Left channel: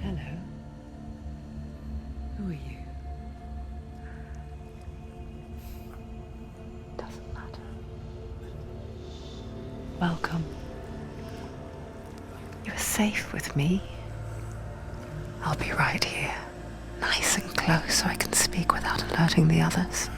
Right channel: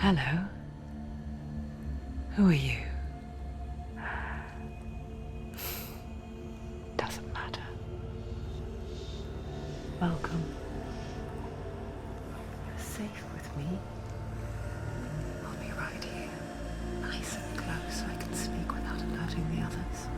Hello. Who are you? Doesn't matter. Welcome. You're safe with me. I'll be right here, nice and close so I can speak without alerting the others.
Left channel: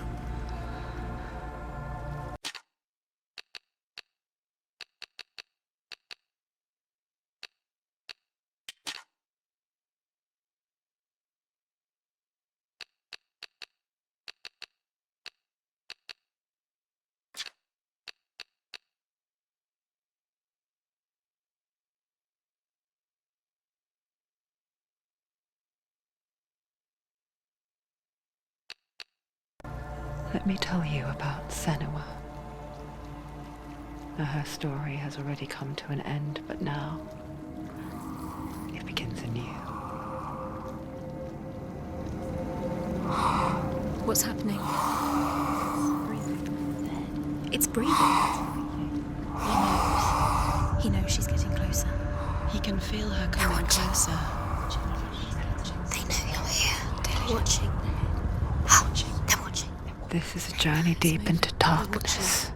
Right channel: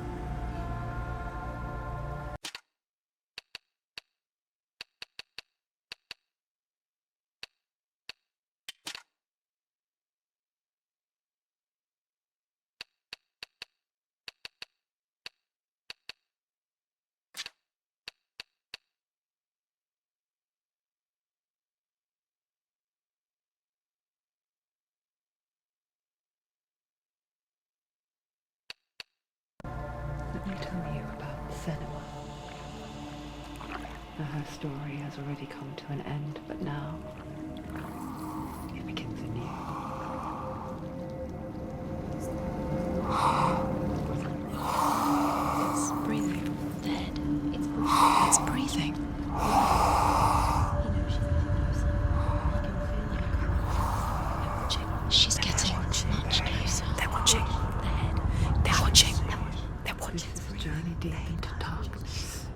Let me tell you about Senua. Now, her story has already come to an end, but now it begins anew. What's happening? It's breathing. Dead. It's breathing. It's breathing. He knows she's getting closer. He can feel her coming closer. She's getting closer. They're watching. They're watching. They're watching. This is a journey deep into darkness.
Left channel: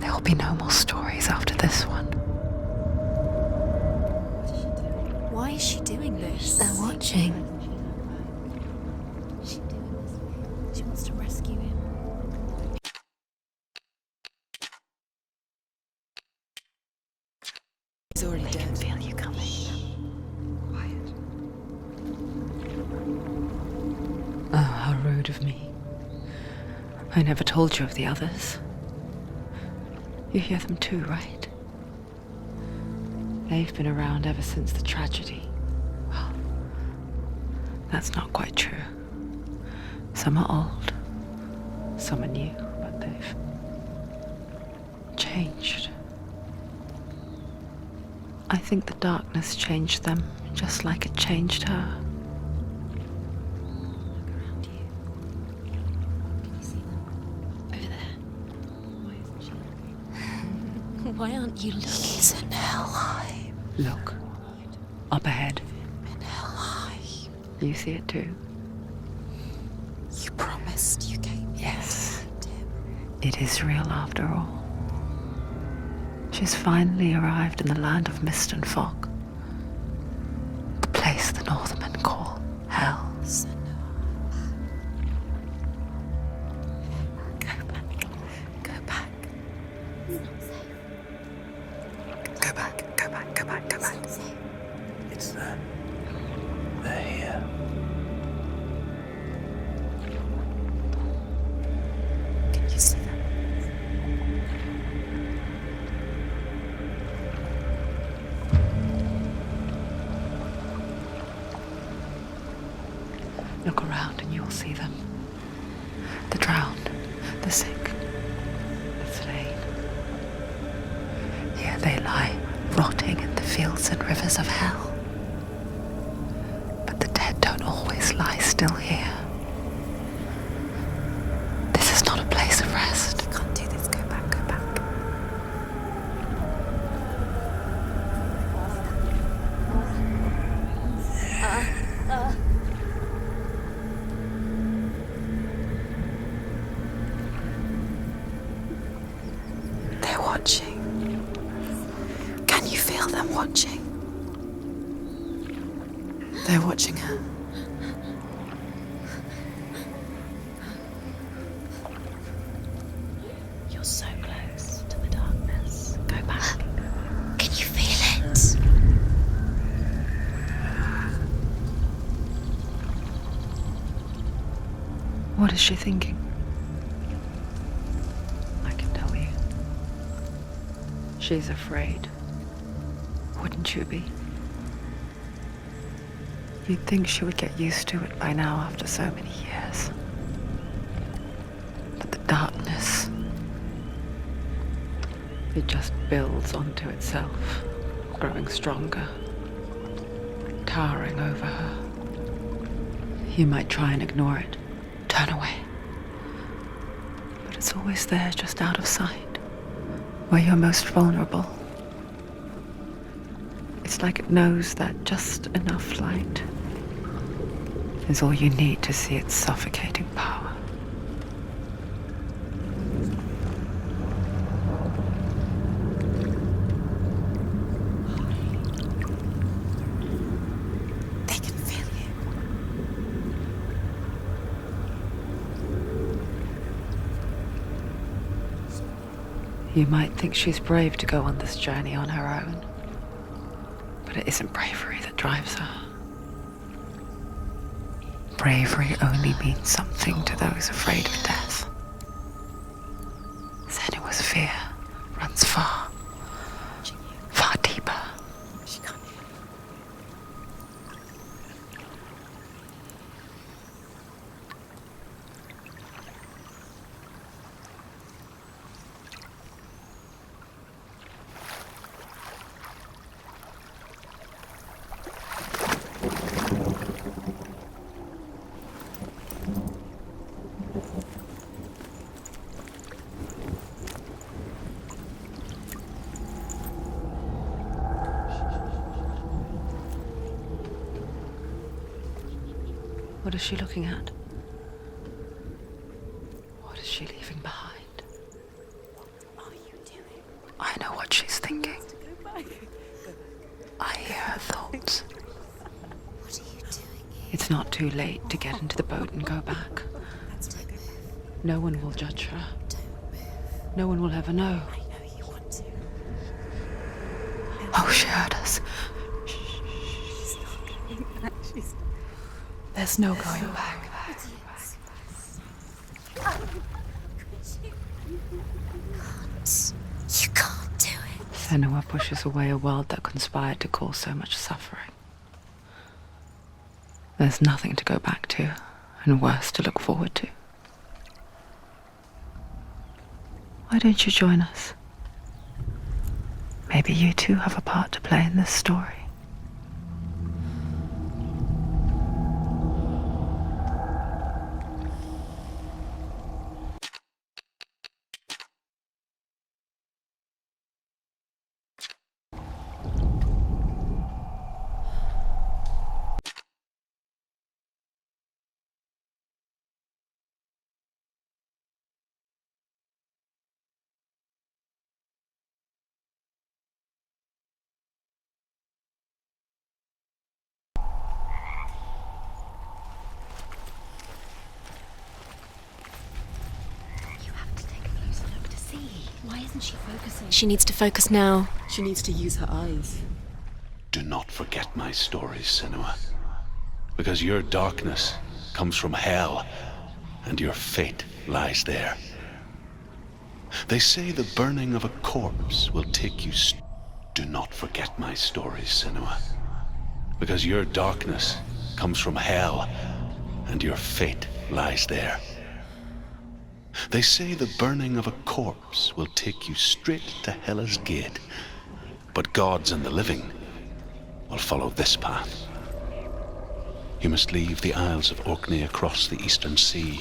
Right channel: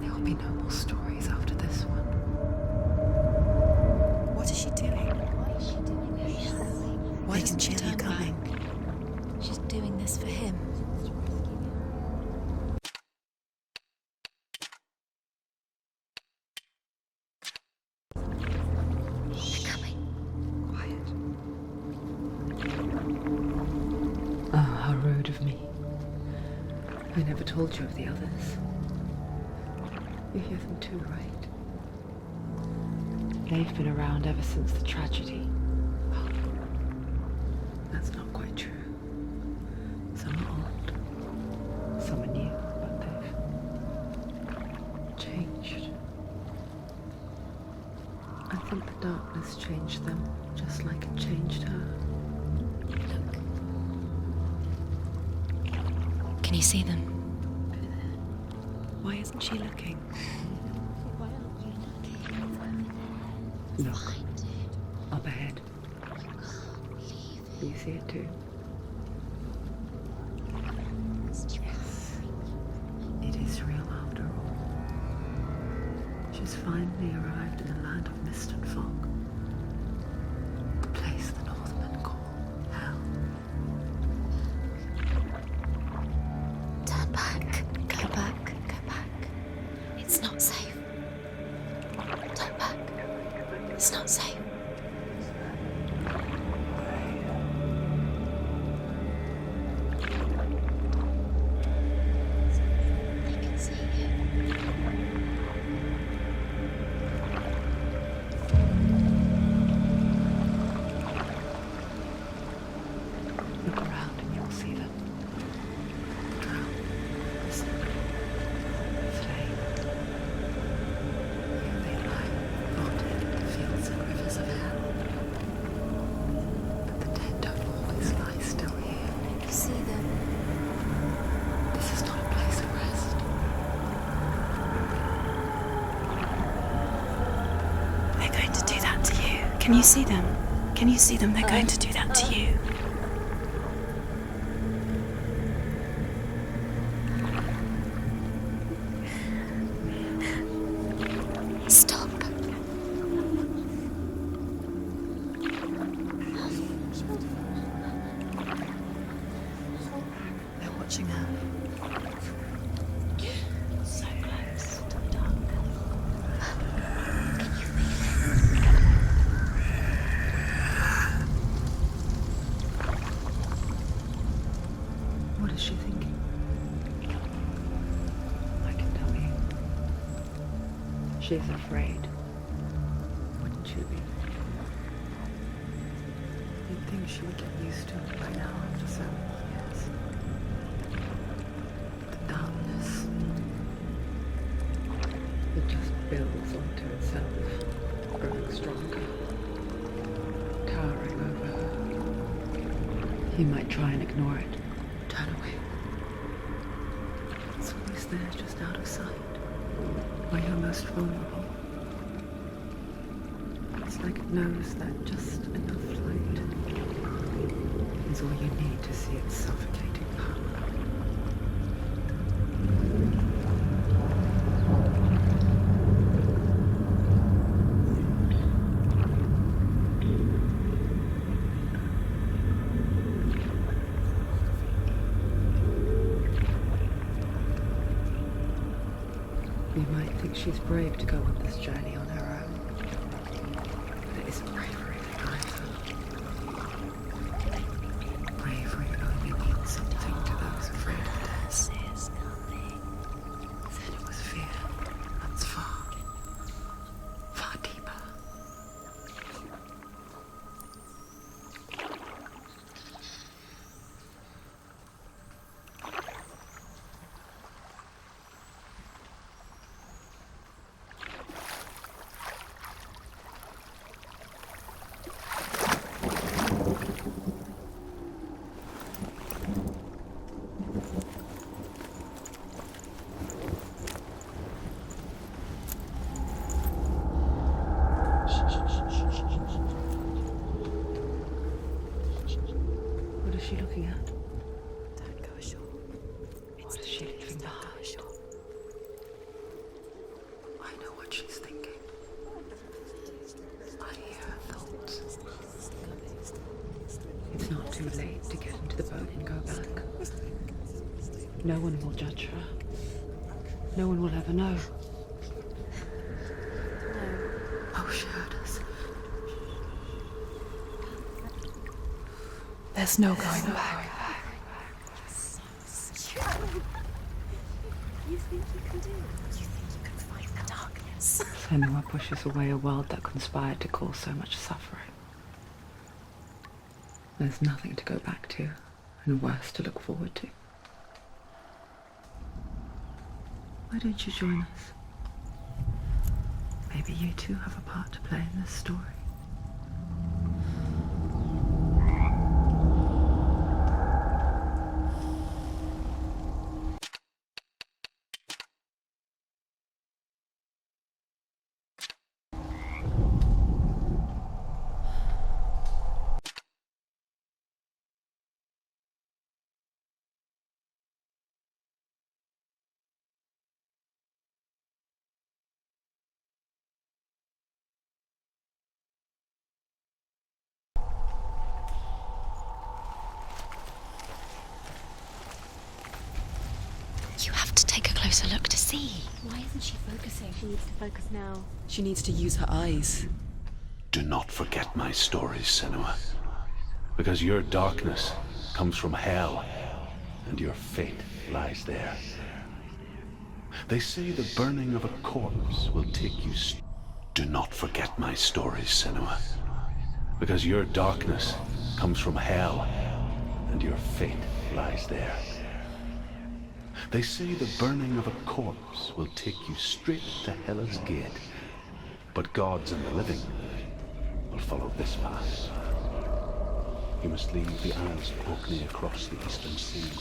There will be no more stories after this one. What is she doing? Why is she doing this? They're watching. Why doesn't she turn back? She's doing this for him. She wants to rescue him. He's already dead. I feel you coming. Quiet. Oh, how rude of me. I never told you of the others. You hear them too, right? They've been around ever since the tragedy. Well, that's not quite true. Some are old, some are new, but they've changed. I think the darkness changed them, just like it changed her. Can you see them? Over there. Why isn't she looking? Why aren't you looking? He's in Hellblade. Look, up ahead. Hellblade. You see it too? You promised you gave me. Yes. It is real after all. She's finally arrived in the land of mist and fog. The place the Northmen call Hell. Turn back. Go back. Go back. It's not safe. Go back, go back, go back, go It's back. not safe. It's them. They're here. Can you see them? I can see you. Look around and you'll see them. The drowned, the sick, the slain. Here they lie, rotting in the fields and rivers of hell. But the dead don't always lie still here. You see them. This is not a place of rest. You can't do this. Go back, go back. They're going to do that to you. Can you see them? Can you see them? They're going to do that to you. They're watching. Stop. Can you feel them watching? They're watching her. They're watching her. You're so close to the darkness. Go back. Can you feel it? What is she thinking? I can tell you. She's afraid. Wouldn't you be? You'd think she would get used to it by now after so many years. But the darkness, it just builds onto itself, growing stronger, towering over her. You might try and ignore it, turn away. But it's always there, just out of sight, where you're most vulnerable. It's like it knows that just enough light is all you need to see its suffocating power. They can feel you. You might think she's brave to go on this journey on her own, but it isn't bravery that drives her. Bravery only means something to those afraid of death. Senua's fear runs far, far deeper. What is she looking at? What is she leaving behind? I know what she's thinking. I hear her thoughts. It's not too late to get into the boat and go back. No one will judge her. No one will ever know. Oh, she heard us. There's no going back. You can't do it. Senua pushes away a world that conspired to cause so much suffering. There's nothing to go back to, and worse to look forward to. Why don't you join us? Maybe you too have a part to play in this story. You have to take a closer look to see. Why isn't she focusing? She needs to focus now. She needs to use her eyes. Do not forget my stories, Senua. Because your darkness comes from hell, and your fate lies there. They say the burning of a corpse will take you... Do not forget my stories, Senua. Because your darkness comes from hell, and your fate lies there. They say the burning of a corpse will take you straight to Hela's gate, but gods and the living will follow this path. You must leave the Isles of Orkney across the eastern sea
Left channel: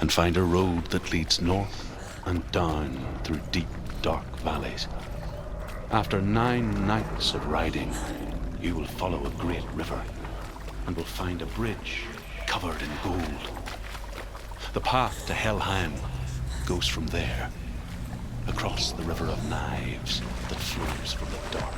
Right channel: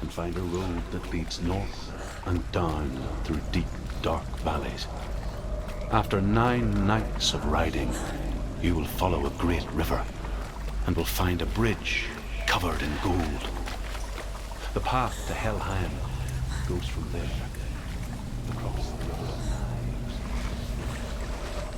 and find a road that leads north and down through deep, dark valleys. After 9 nights of riding, you will follow a great river and will find a bridge covered in gold. The path to Helheim goes from there, across the river of knives that flows from the dark.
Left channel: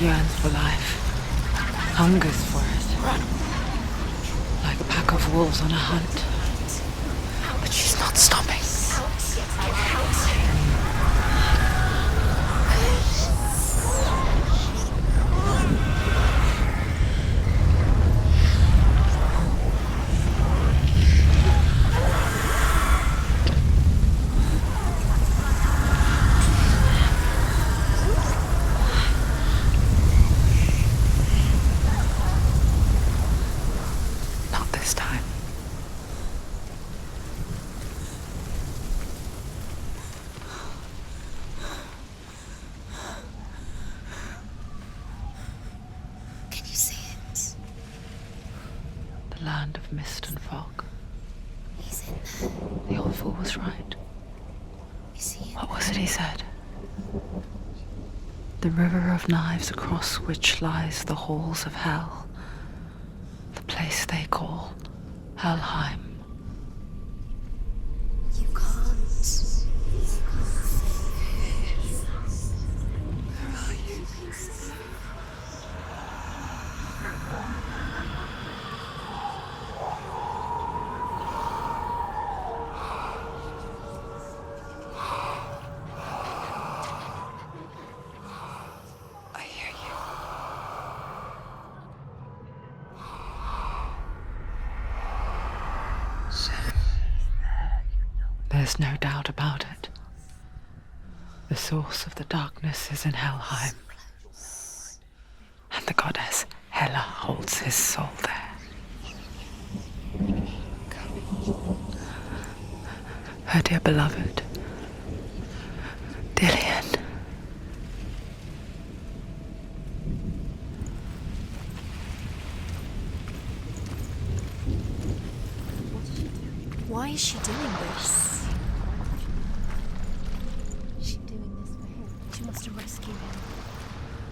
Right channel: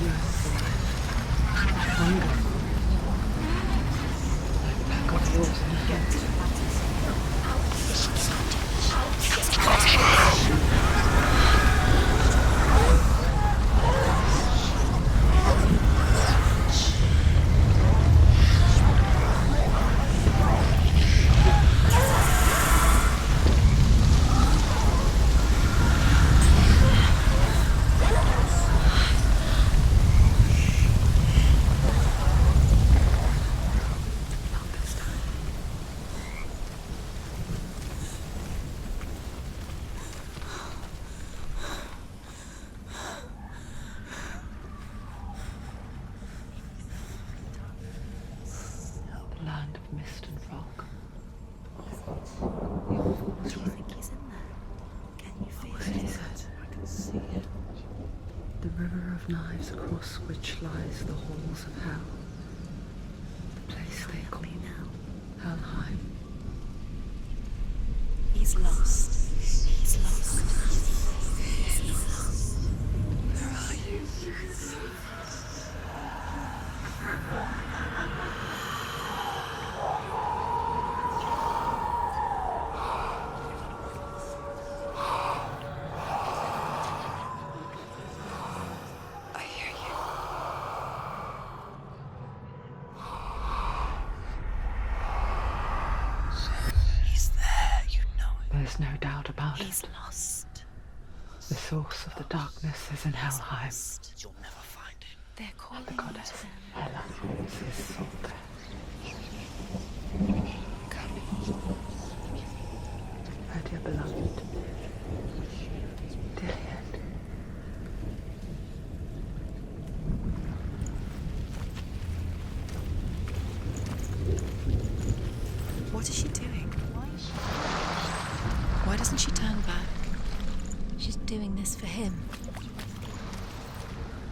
Yearns for life, hungers for it, like a pack of wolves on a hunt. But she's not stopping. Not this time. mist and fog. The old fool was right. What was it he said? The river of knives across which lies the halls of hell. The place they call Helheim. He's lost. He's lost. Where are you? I hear you. He's there, you know it. There's no doubt about it. Lost. The source of the darkness is in Helheim, They're called and the goddess Hela holds his soul there. Her dear beloved, Dillian. What is she doing? Why is she doing this? Why doesn't she turn back? She's doing this for him. She wants to rescue him.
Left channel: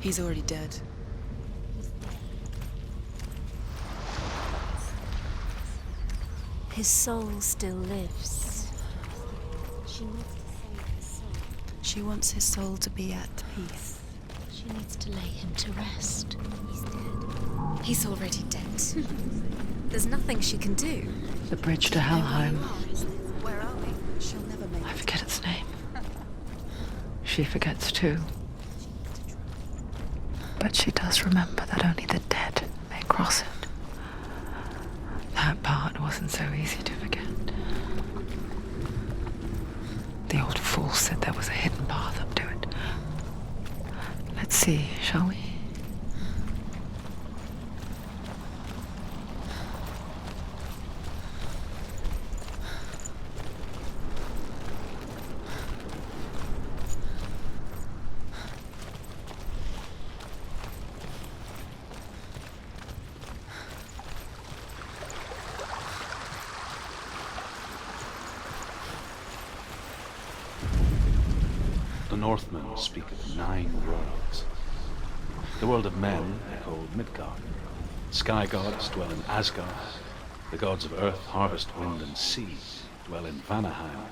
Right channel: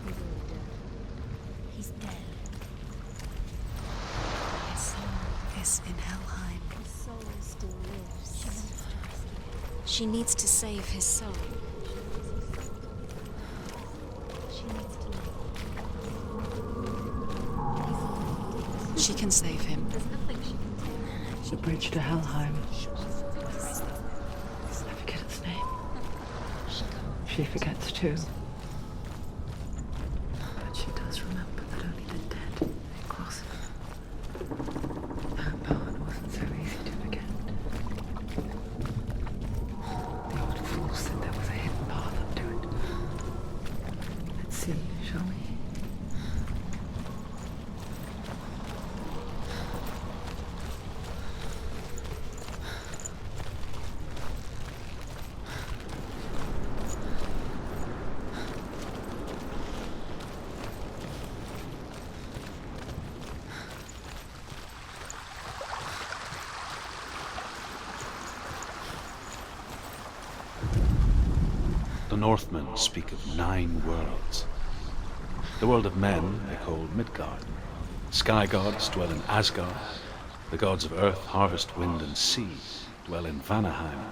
He's already dead. He's dead. His soul is in Helheim. His soul still lives. She needs to save his soul. She wants his soul to be at peace. She needs to lay him to rest. He's already dead. She can save him. There's nothing she can do. The bridge to Helheim. I forget its name. She forgets too. But she does remember that only the dead may cross it. That part wasn't so easy to forget. The old fool said there was a hidden path up to it. Let's see, shall we? The Northmen speak of 9 worlds. The world of men they call Midgard. Sky gods dwell in Asgard. The gods of earth, harvest, wind, and sea dwell in Vanaheim.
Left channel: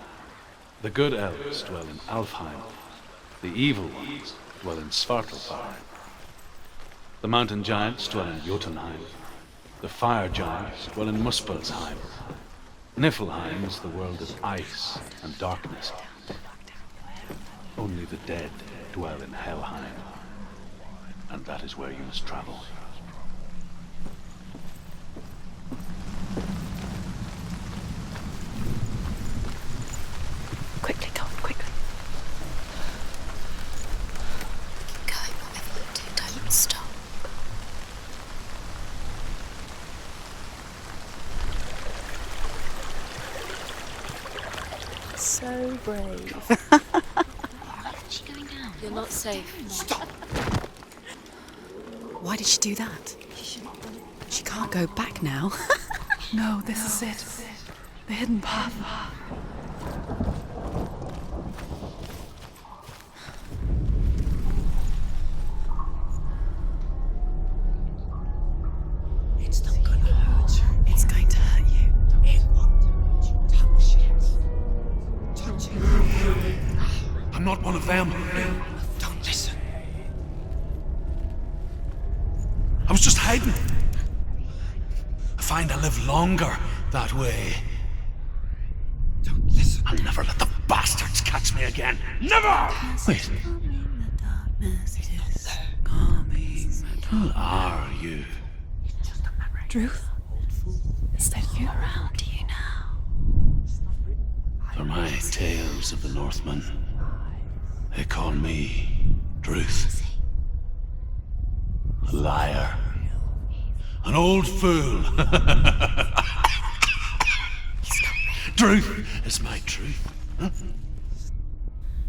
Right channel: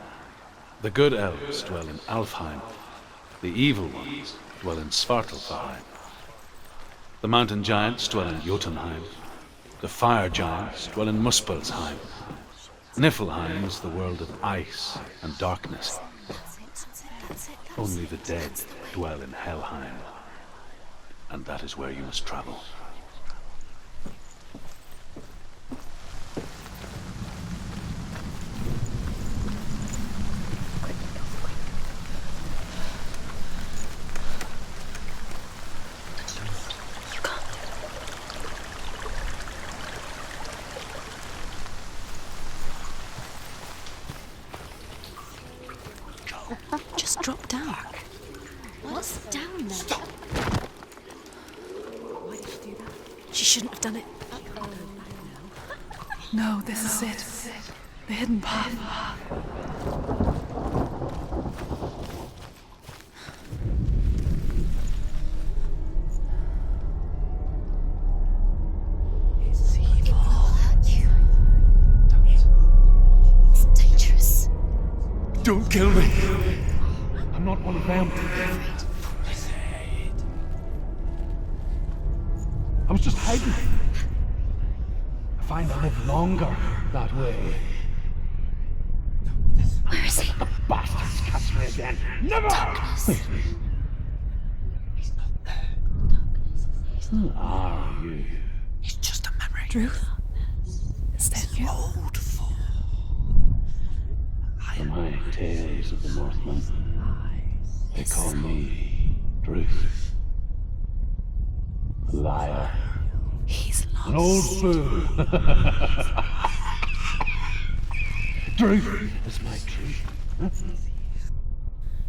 The good elves dwell in Alfheim. The evil ones dwell in Svartalfheim. The mountain giants dwell in Jotunheim. The fire giants dwell in Muspelheim. Niflheim is the world of ice and darkness. Only the dead dwell in Helheim, and that is where you must travel. Quickly, Tom, quickly. Go, everyone, don't stop. You can't. So brave. Just drop down. You're not safe. Stop! Why did she do that? She shouldn't have done it. She can't go back now. No, this is it. The hidden path. It's not going to hurt. It's going to hurt you. It's dangerous. Don't kill me. I'm not one of them. Don't listen. I was just hiding. I find I live longer that way. Don't listen. I'll never let the bastards catch me again. Never! Wait, who are you? It's just a memory. Druth? Is that you? How do you know? For my tales of the Northmen, they call me Druth. A liar. He's An old fool. Truth is my truth.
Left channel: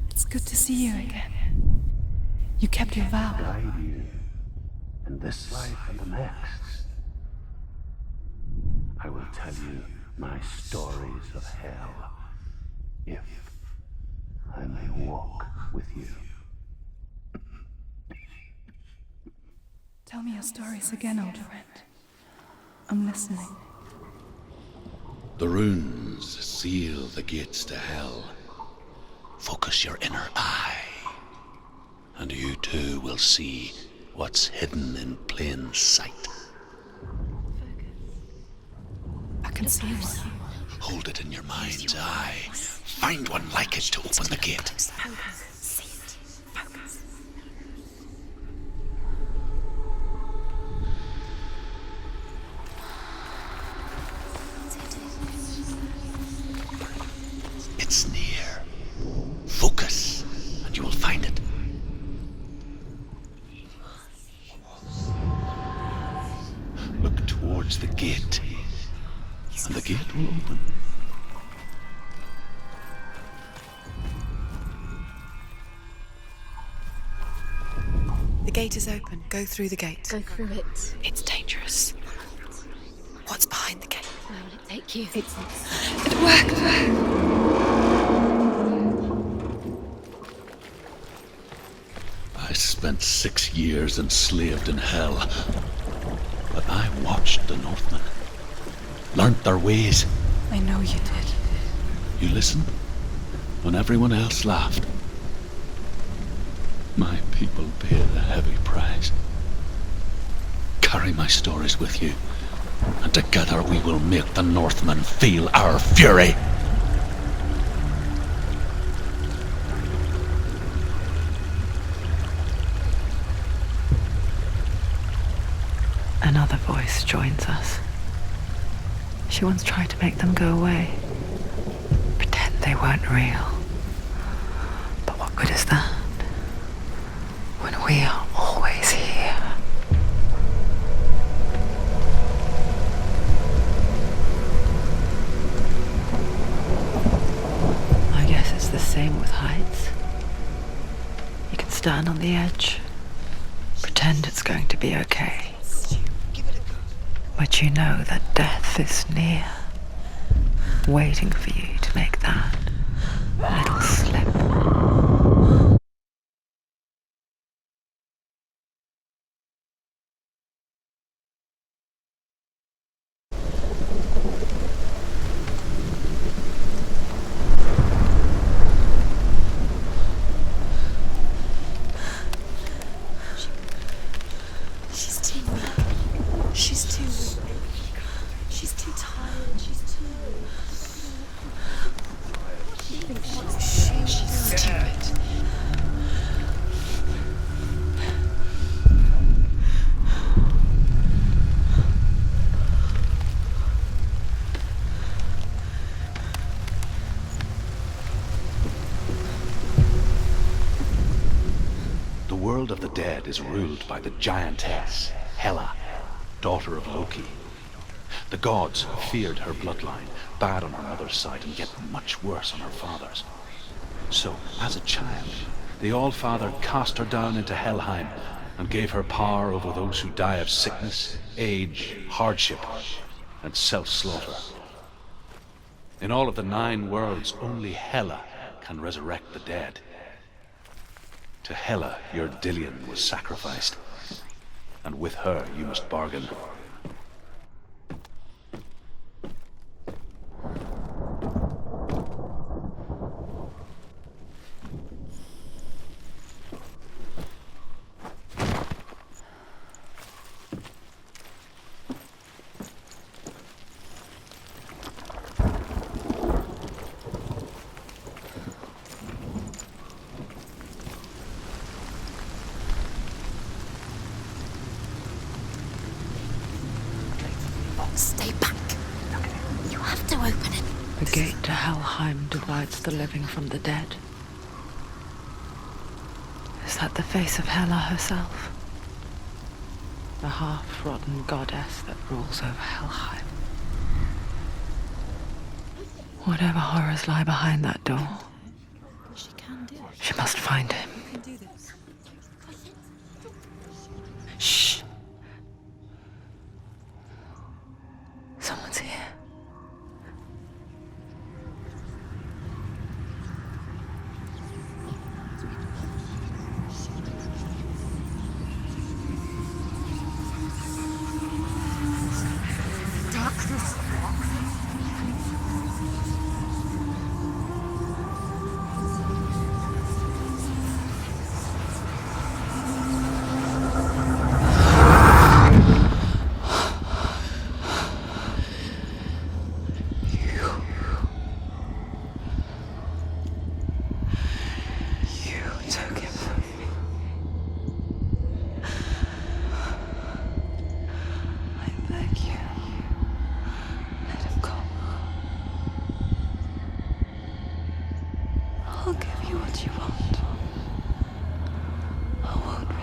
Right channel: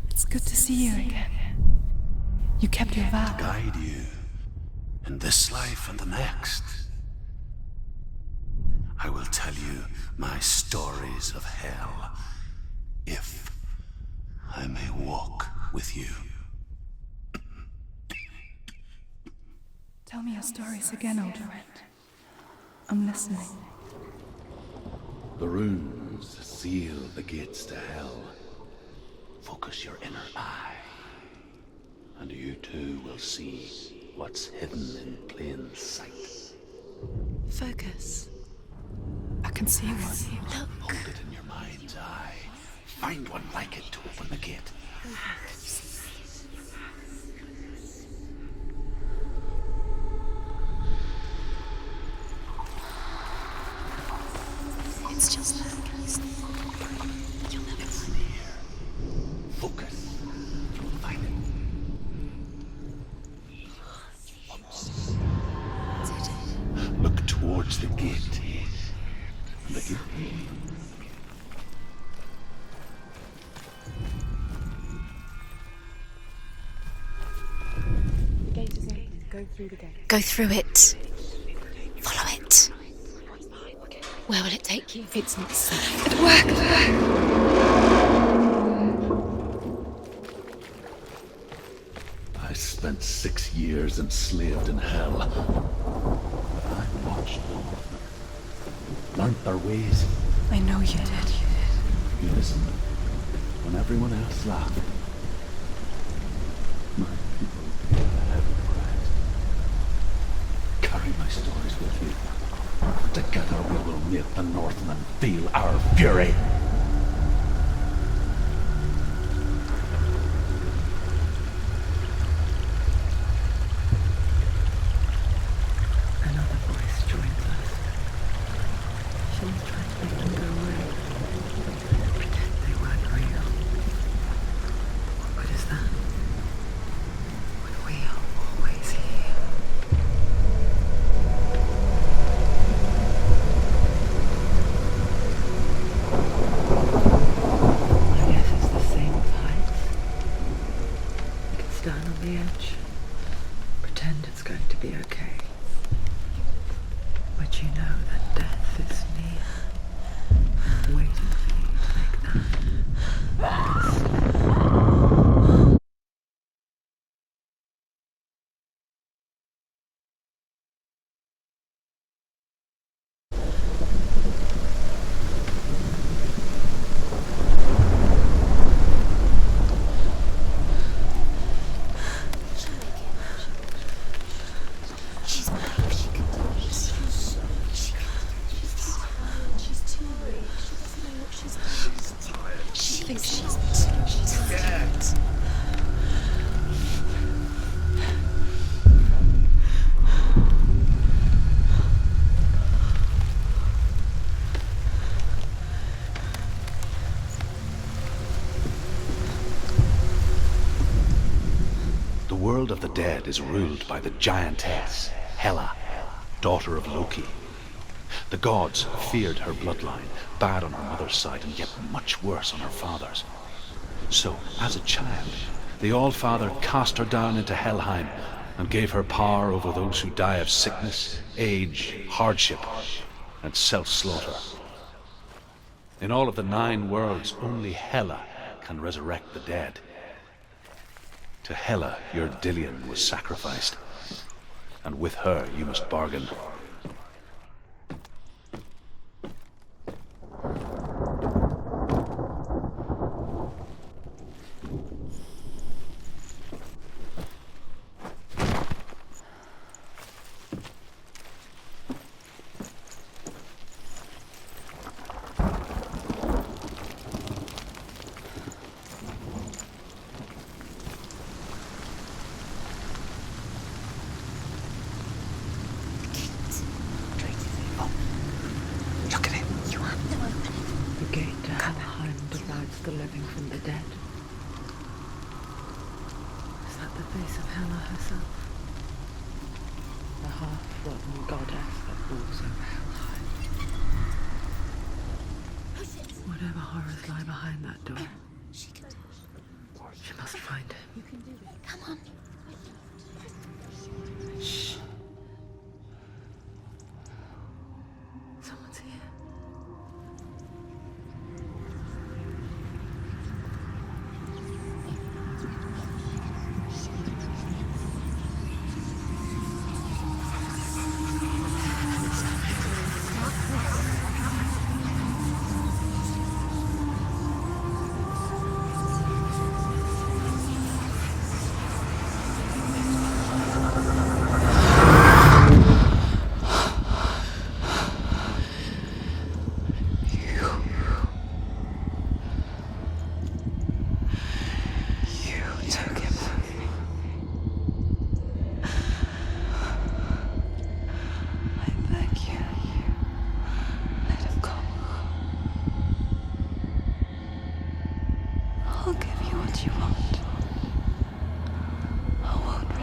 It's good to see you again. You kept your vow. Guide you in this life and the next. I will tell you my stories of hell, if I may walk with you. Tell me your stories again, old friend. I'm listening. The runes seal the gates to hell. Focus your inner eye, and you too will see what's hidden in plain sight. Focus. I can see one. Hold it in your mind's eye. Find one like it to open the gate. It's just It's near. Focus, and you will find it. Look towards the gate, and the gate will open. The gate is open. Go through the gate. Go through it. It's dangerous. Follow it. What's behind the gate? Where will it take you? It's not safe. It worked! I spent 6 years enslaved in hell, but I watched the Northmen, learnt their ways. I know you did. You listened when everyone else laughed. My people paid a heavy price. Carry my stories with you, and together we will make the Northmen feel our fury. Another voice joins us. She once tried to make them go away. Pretend they weren't real. But what good is that? When we are always here. I guess it's the same with heights. You can stand on the edge, pretend it's going to be okay. But you know that death is near, waiting for you to make that little slip. The world of the dead is ruled by the giantess, Hela, daughter of Loki. The gods feared her bloodline, bad on her mother's side and yet much worse on her father's. So, as a child, the All-Father cast her down into Helheim and gave her power over those who die of sickness, age, hardship, and self-slaughter. In all of the 9 worlds, only Hela can resurrect the dead. To Hela, your Dillion was sacrificed, and with her you must bargain. Stay back. Look at it. You have to open it. The gate to Helheim divides the living from the dead. Is that the face of Hela herself? The half-rotten goddess that rules over Helheim. Whatever horrors lie behind that door, she must find him. Shh. Someone's here.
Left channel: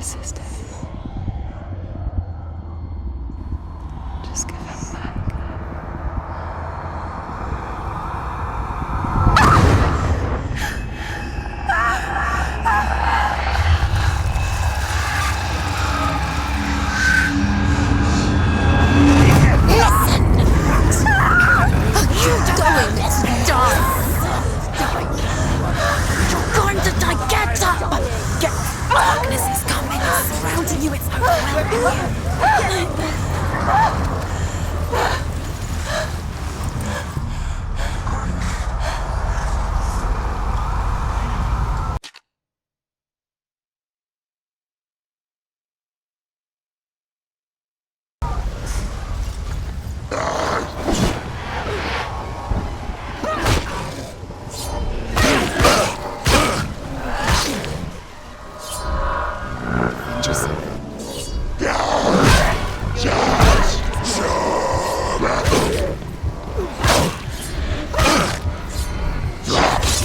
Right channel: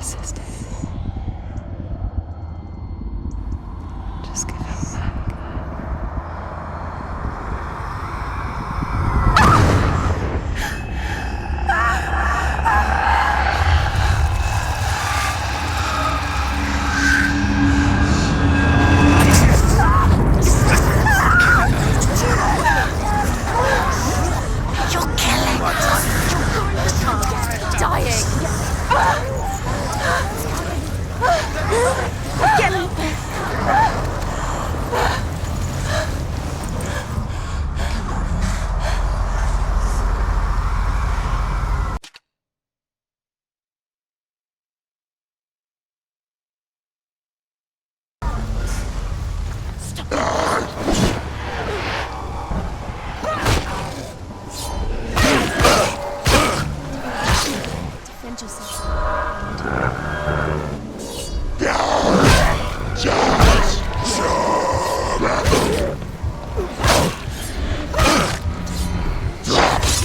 resist anymore. Just give him back.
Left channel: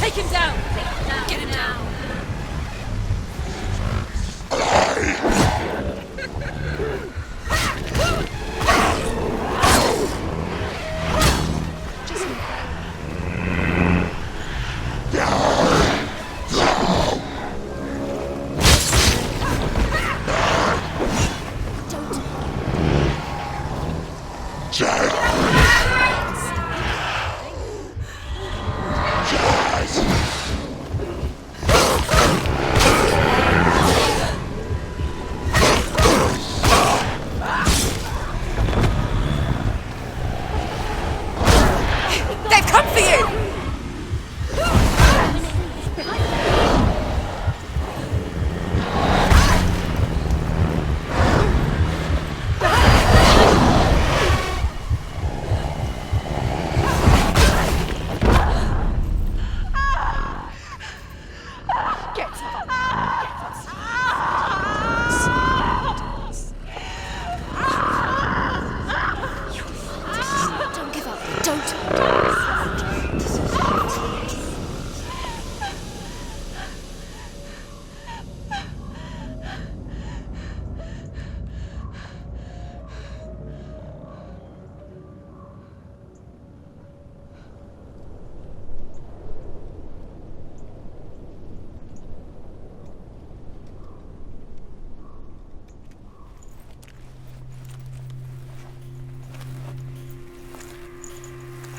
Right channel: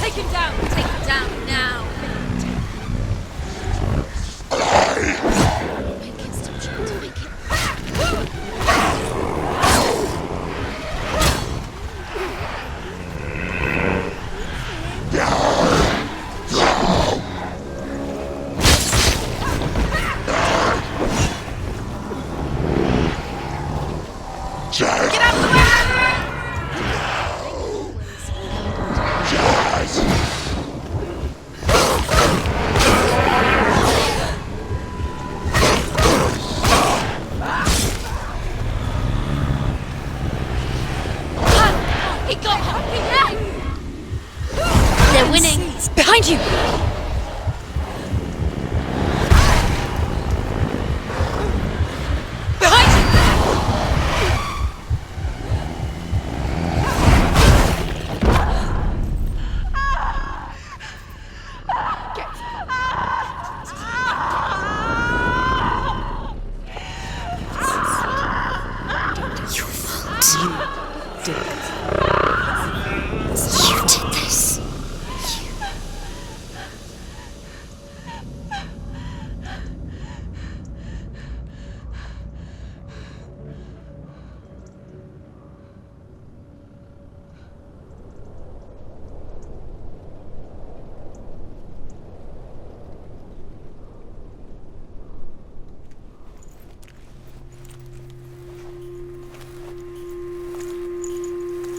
Take him down! Take him down now! Behind you!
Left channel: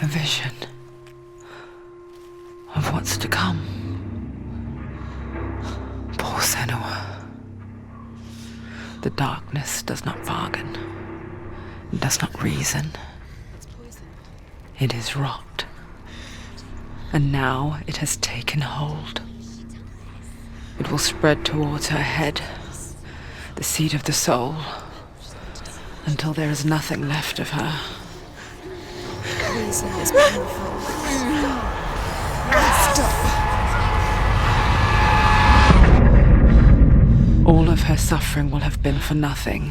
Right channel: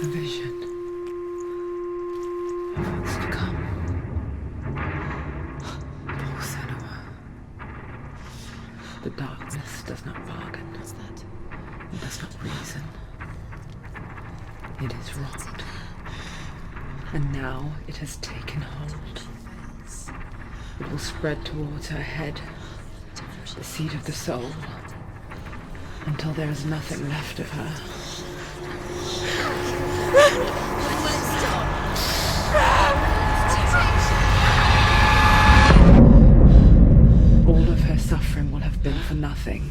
A vision of what's to come. Poor Senua. The darkness does not bargain. It does not reason. It is rot. And now it has taken hold. It will spread towards her head, the seat of the soul, until there is nothing left of her. All of her suffering will have been for nothing.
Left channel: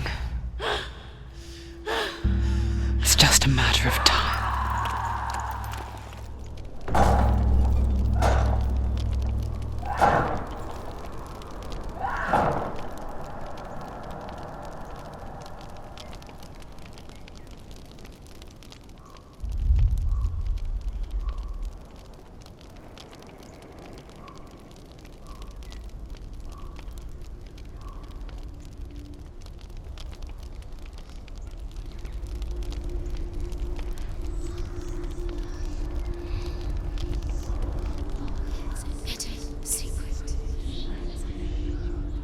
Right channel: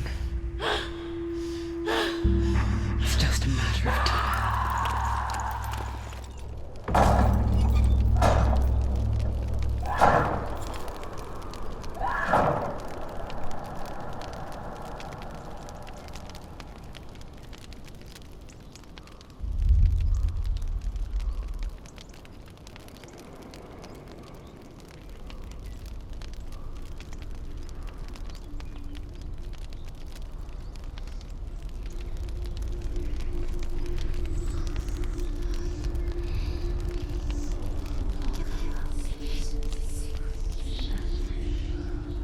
It's just a matter of time.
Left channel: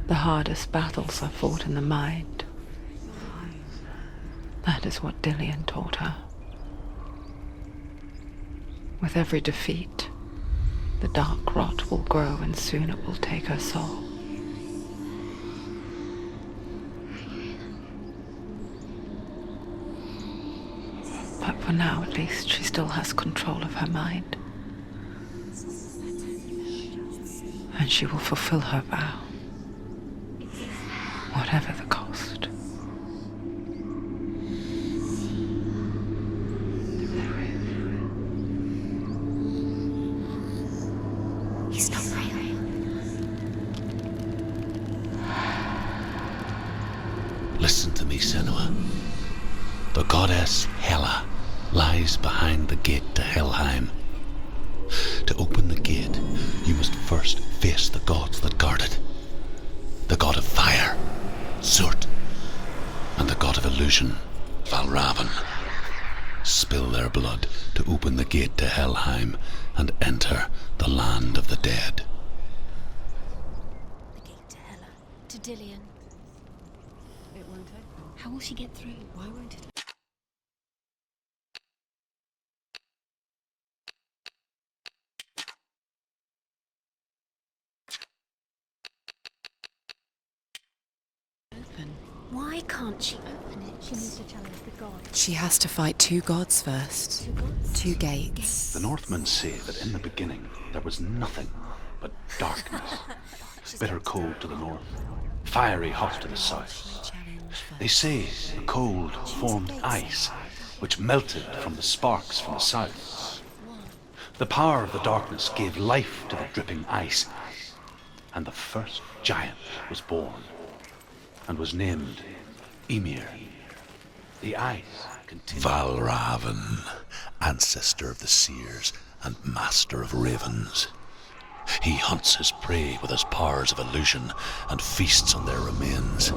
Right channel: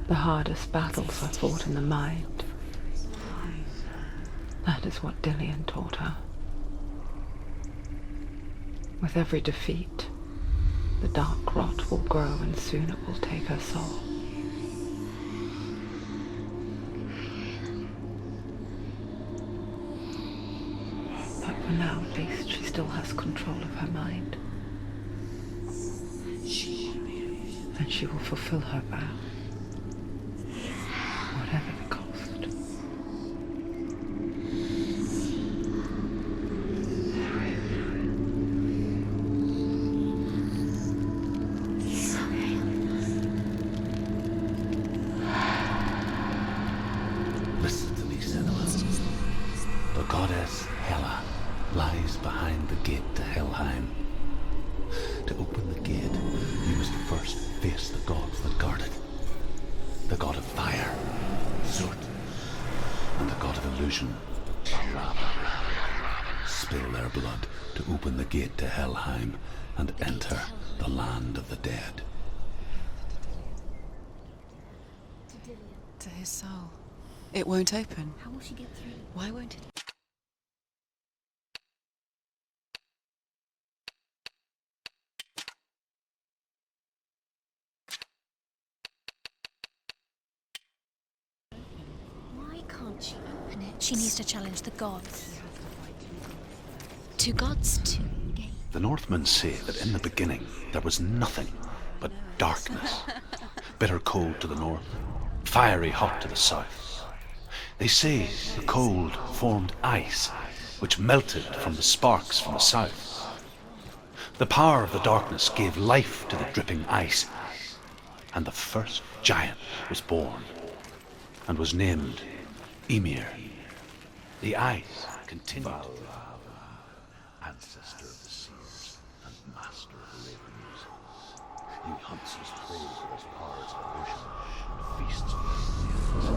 The hardest battles are fought in the mind. That is what Dillian taught her. With every defeat, the dark rot will grow and soon it will take her soul. But for now, at least, she still has control of her mind. And she will fulfill her vow. Whatever the cost. He's not moving. Listen to me, Senua. The goddess Hela lies behind the gate to Helheim. To open the gate, you must first face the gods that guard it. The god of fire, Zurt, and the god of illusion, Valravn. Spill their blood to open the gate to Helheim and enter the land of the dead. To Hela. To Dillian. To his soul. It won't open. How will she get through? Why won't it? Why can't she open it? She needs to challenge the gods. She has to fight 2 gods first. 2 gods? 2 gates. The Northmen say that in the beginning there was nothing but darkness. Bitter cold to the north, fiery hot to the south. They say the cold formed ice, which melted from the sparks from the south. The power of the darkness gave life to the dripping ice, and the first giant was born, and was named Ymir. The ice continued. Valravn, ancestor of the seers and master of ravens. He hunts his prey with his powers of illusion and feasts on their remains.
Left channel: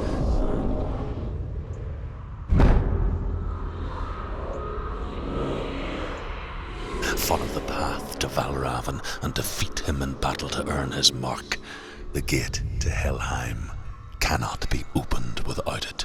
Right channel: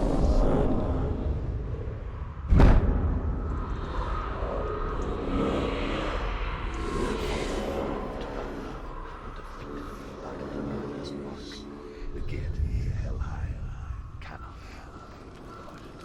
Follow the path to Valravn and defeat him in battle to earn his mark. The gate to Helheim cannot be opened without it.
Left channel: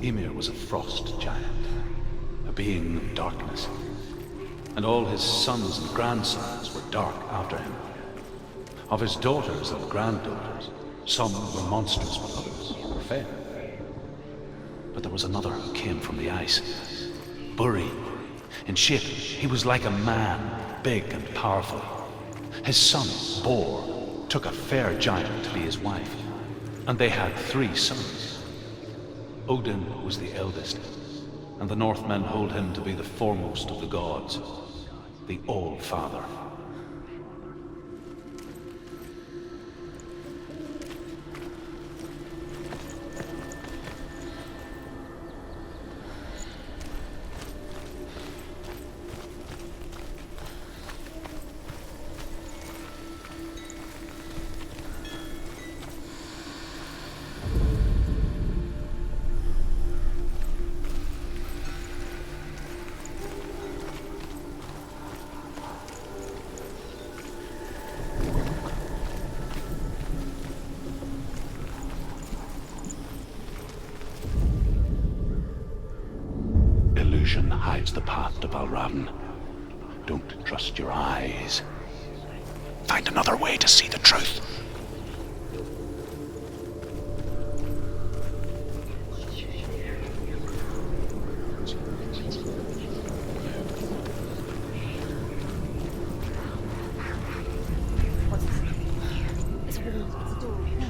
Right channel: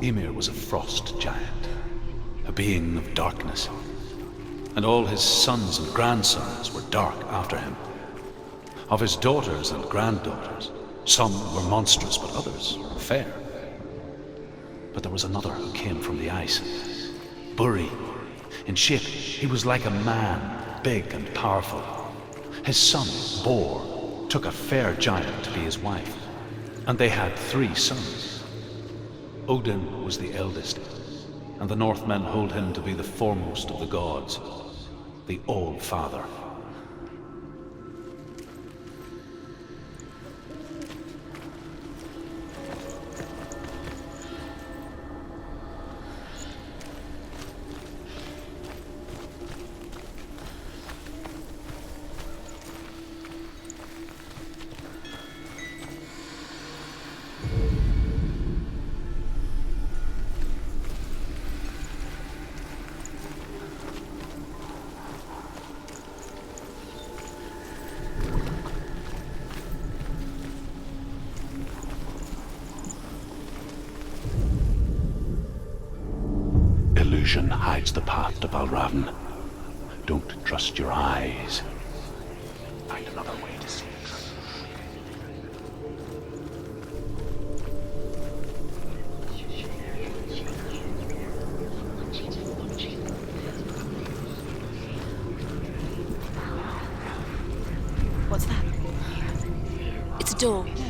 Ymir was a frost giant, a being of darkness, and all his sons and grandsons were dark after him. Of his daughters and granddaughters, some were monstrous, but others were fair. But there was another who came from the ice. Buri. In shape, he was like a man, big and powerful. His son, Bor, took a fair giant to be his wife, and they had 3 sons. Odin was the eldest, and the Northmen hold him to be the foremost of the gods, the All-Father. Illusion hides the path to Valravn. Don't trust your eyes. Find another way to see the truth. What's that? It's a door. No,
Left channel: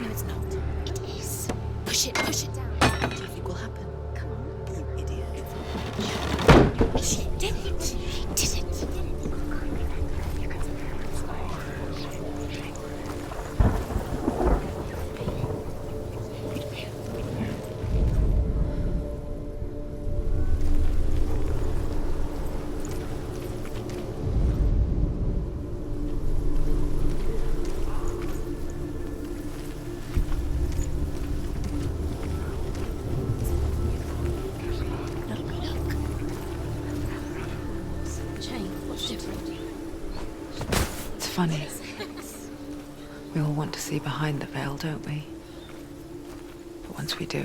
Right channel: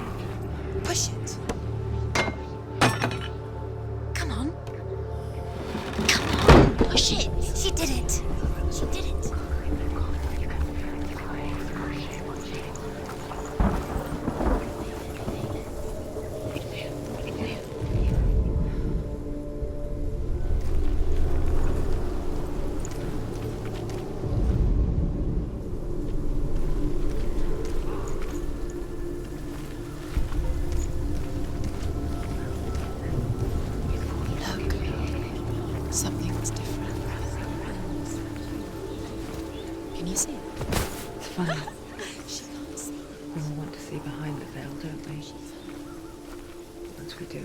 it's not. Push it. Push it. Push it down. Nothing will happen. Come on. Come on. Push it. You did it. You did it. You did it. funny. We all want to see behind the veil, don't we? But once we do,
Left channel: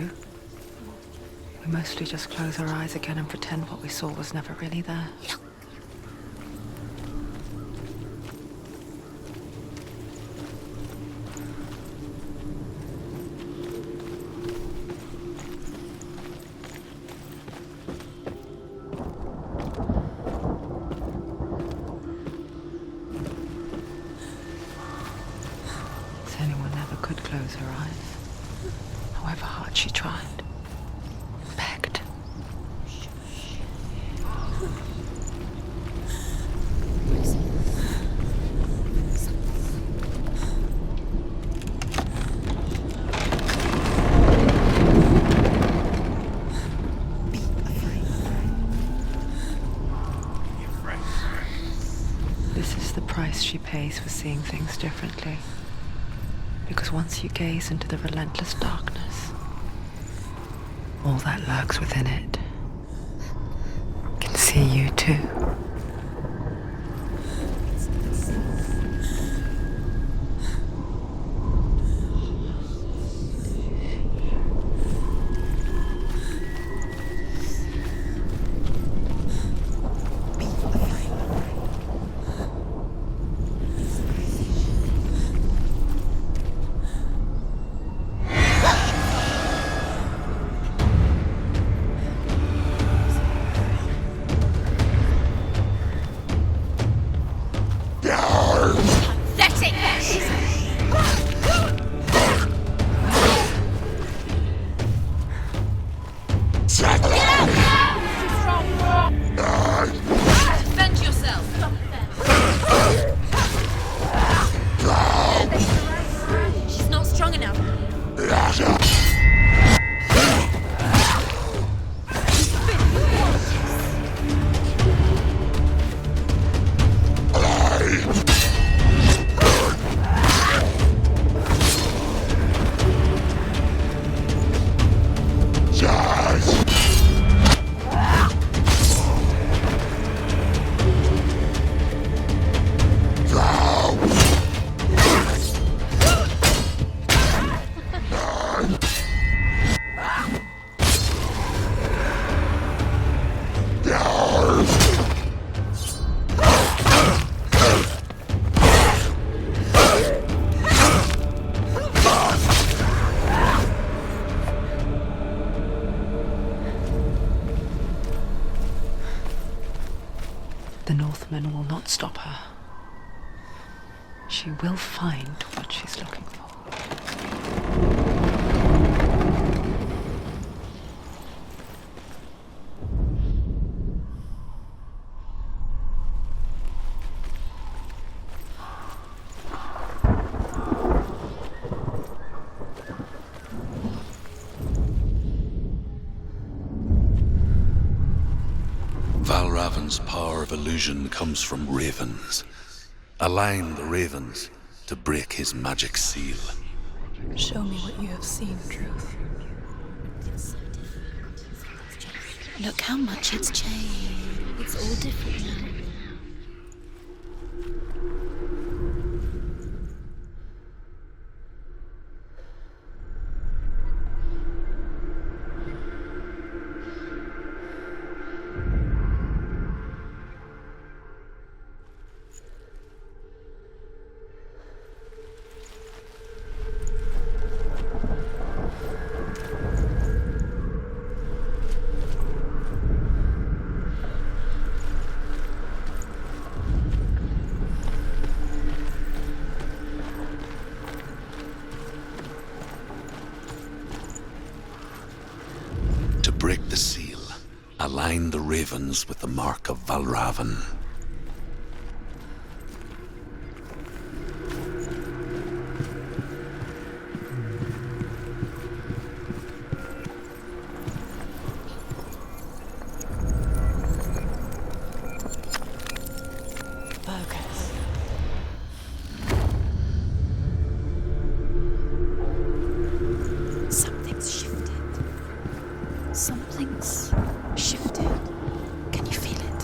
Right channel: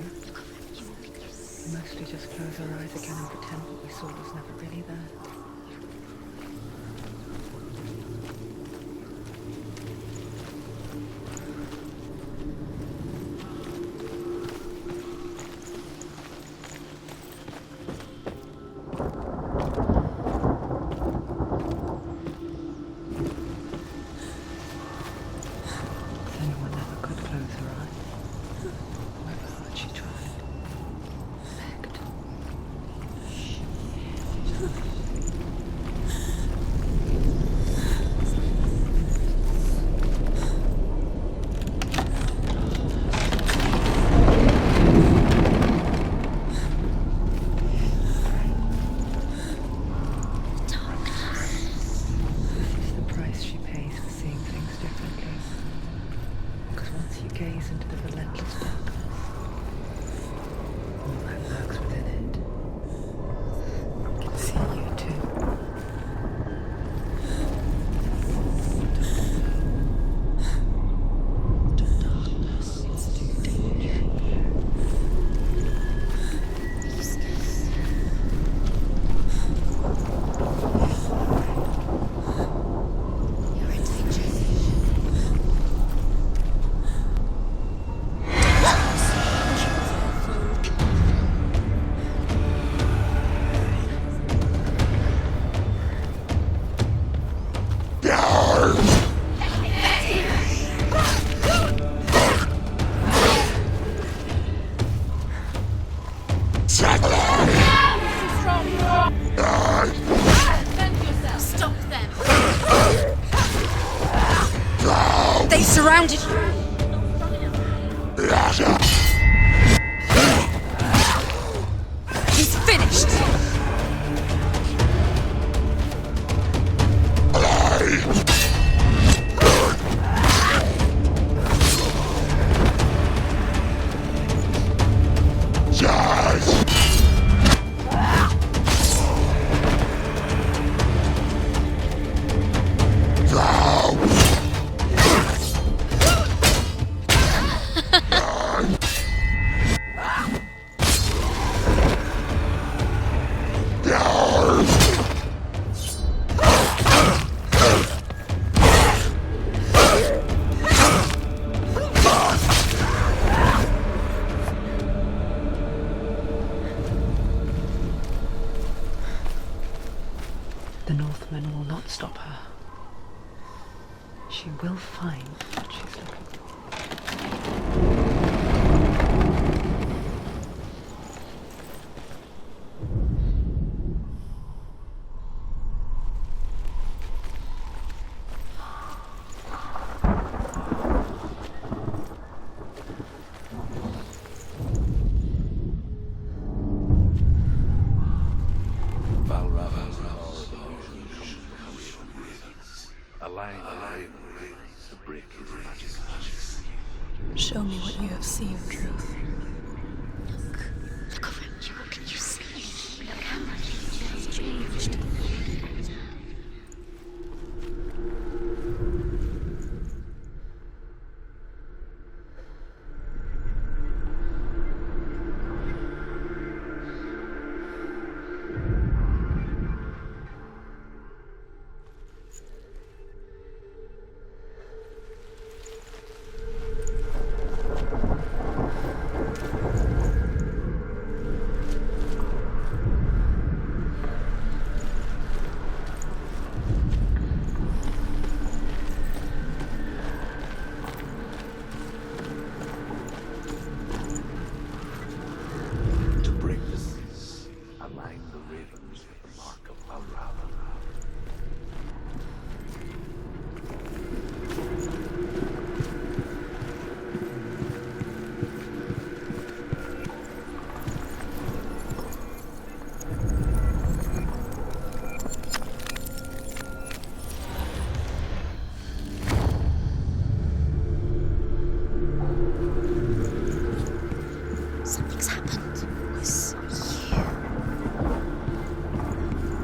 we mostly just close our eyes again and pretend what we saw was never really there. Senua never could close her eyes, however hard she tried. Begged. This is the price she pays for seeing things differently. Because once you gaze into the relentless darkness, all that lurks within it can see you too. Defend yourself. Stop them. They surrounded you. She's not strong enough. He's finished. The Northmen will not stop her. She will find what she's looking for. Valravan's power of illusion comes from ravens. Align the ravens to break his magic seal. Show me what you have seen, Truth. Look how much it's changed. It's all different. Break the seal. Align the ravens with the mark of Valravan. Something's shifted. Something's happened. Something shifted. Can you feel it?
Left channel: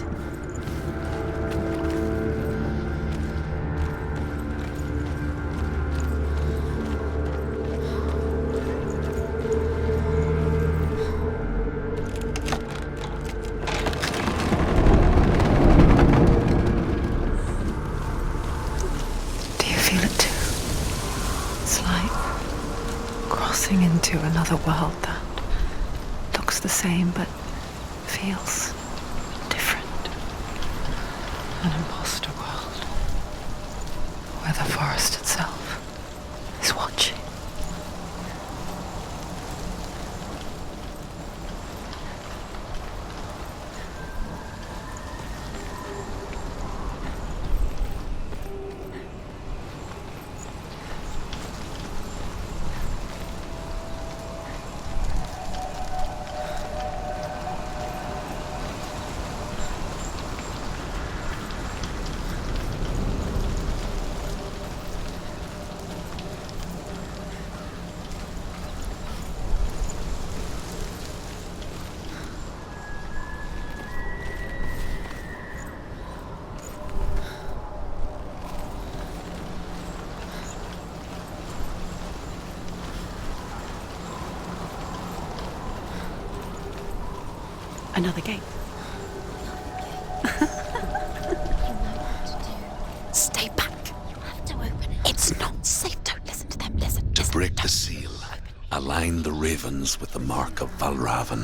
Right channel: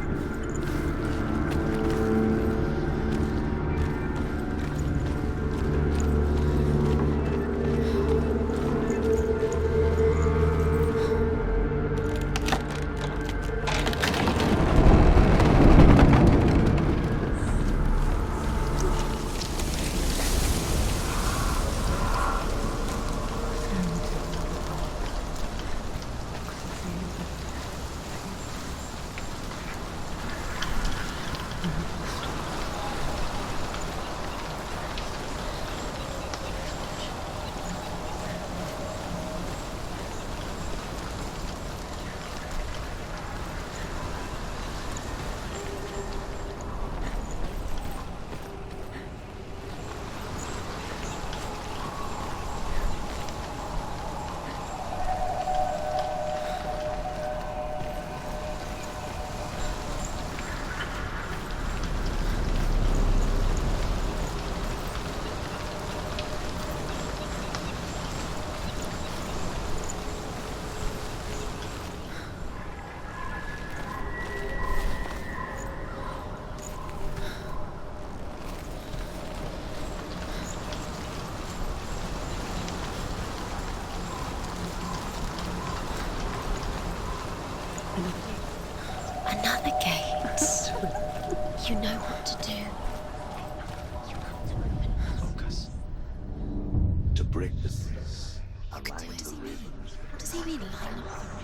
another world that looks the same but feels different. An imposter world where the forest itself is watching. Another gate. Another gate. You know what to do. Stay back. You have to open it. It's not safe. Don't listen to them. Listen. To break the seal, align the ravens with the mark of Valravan.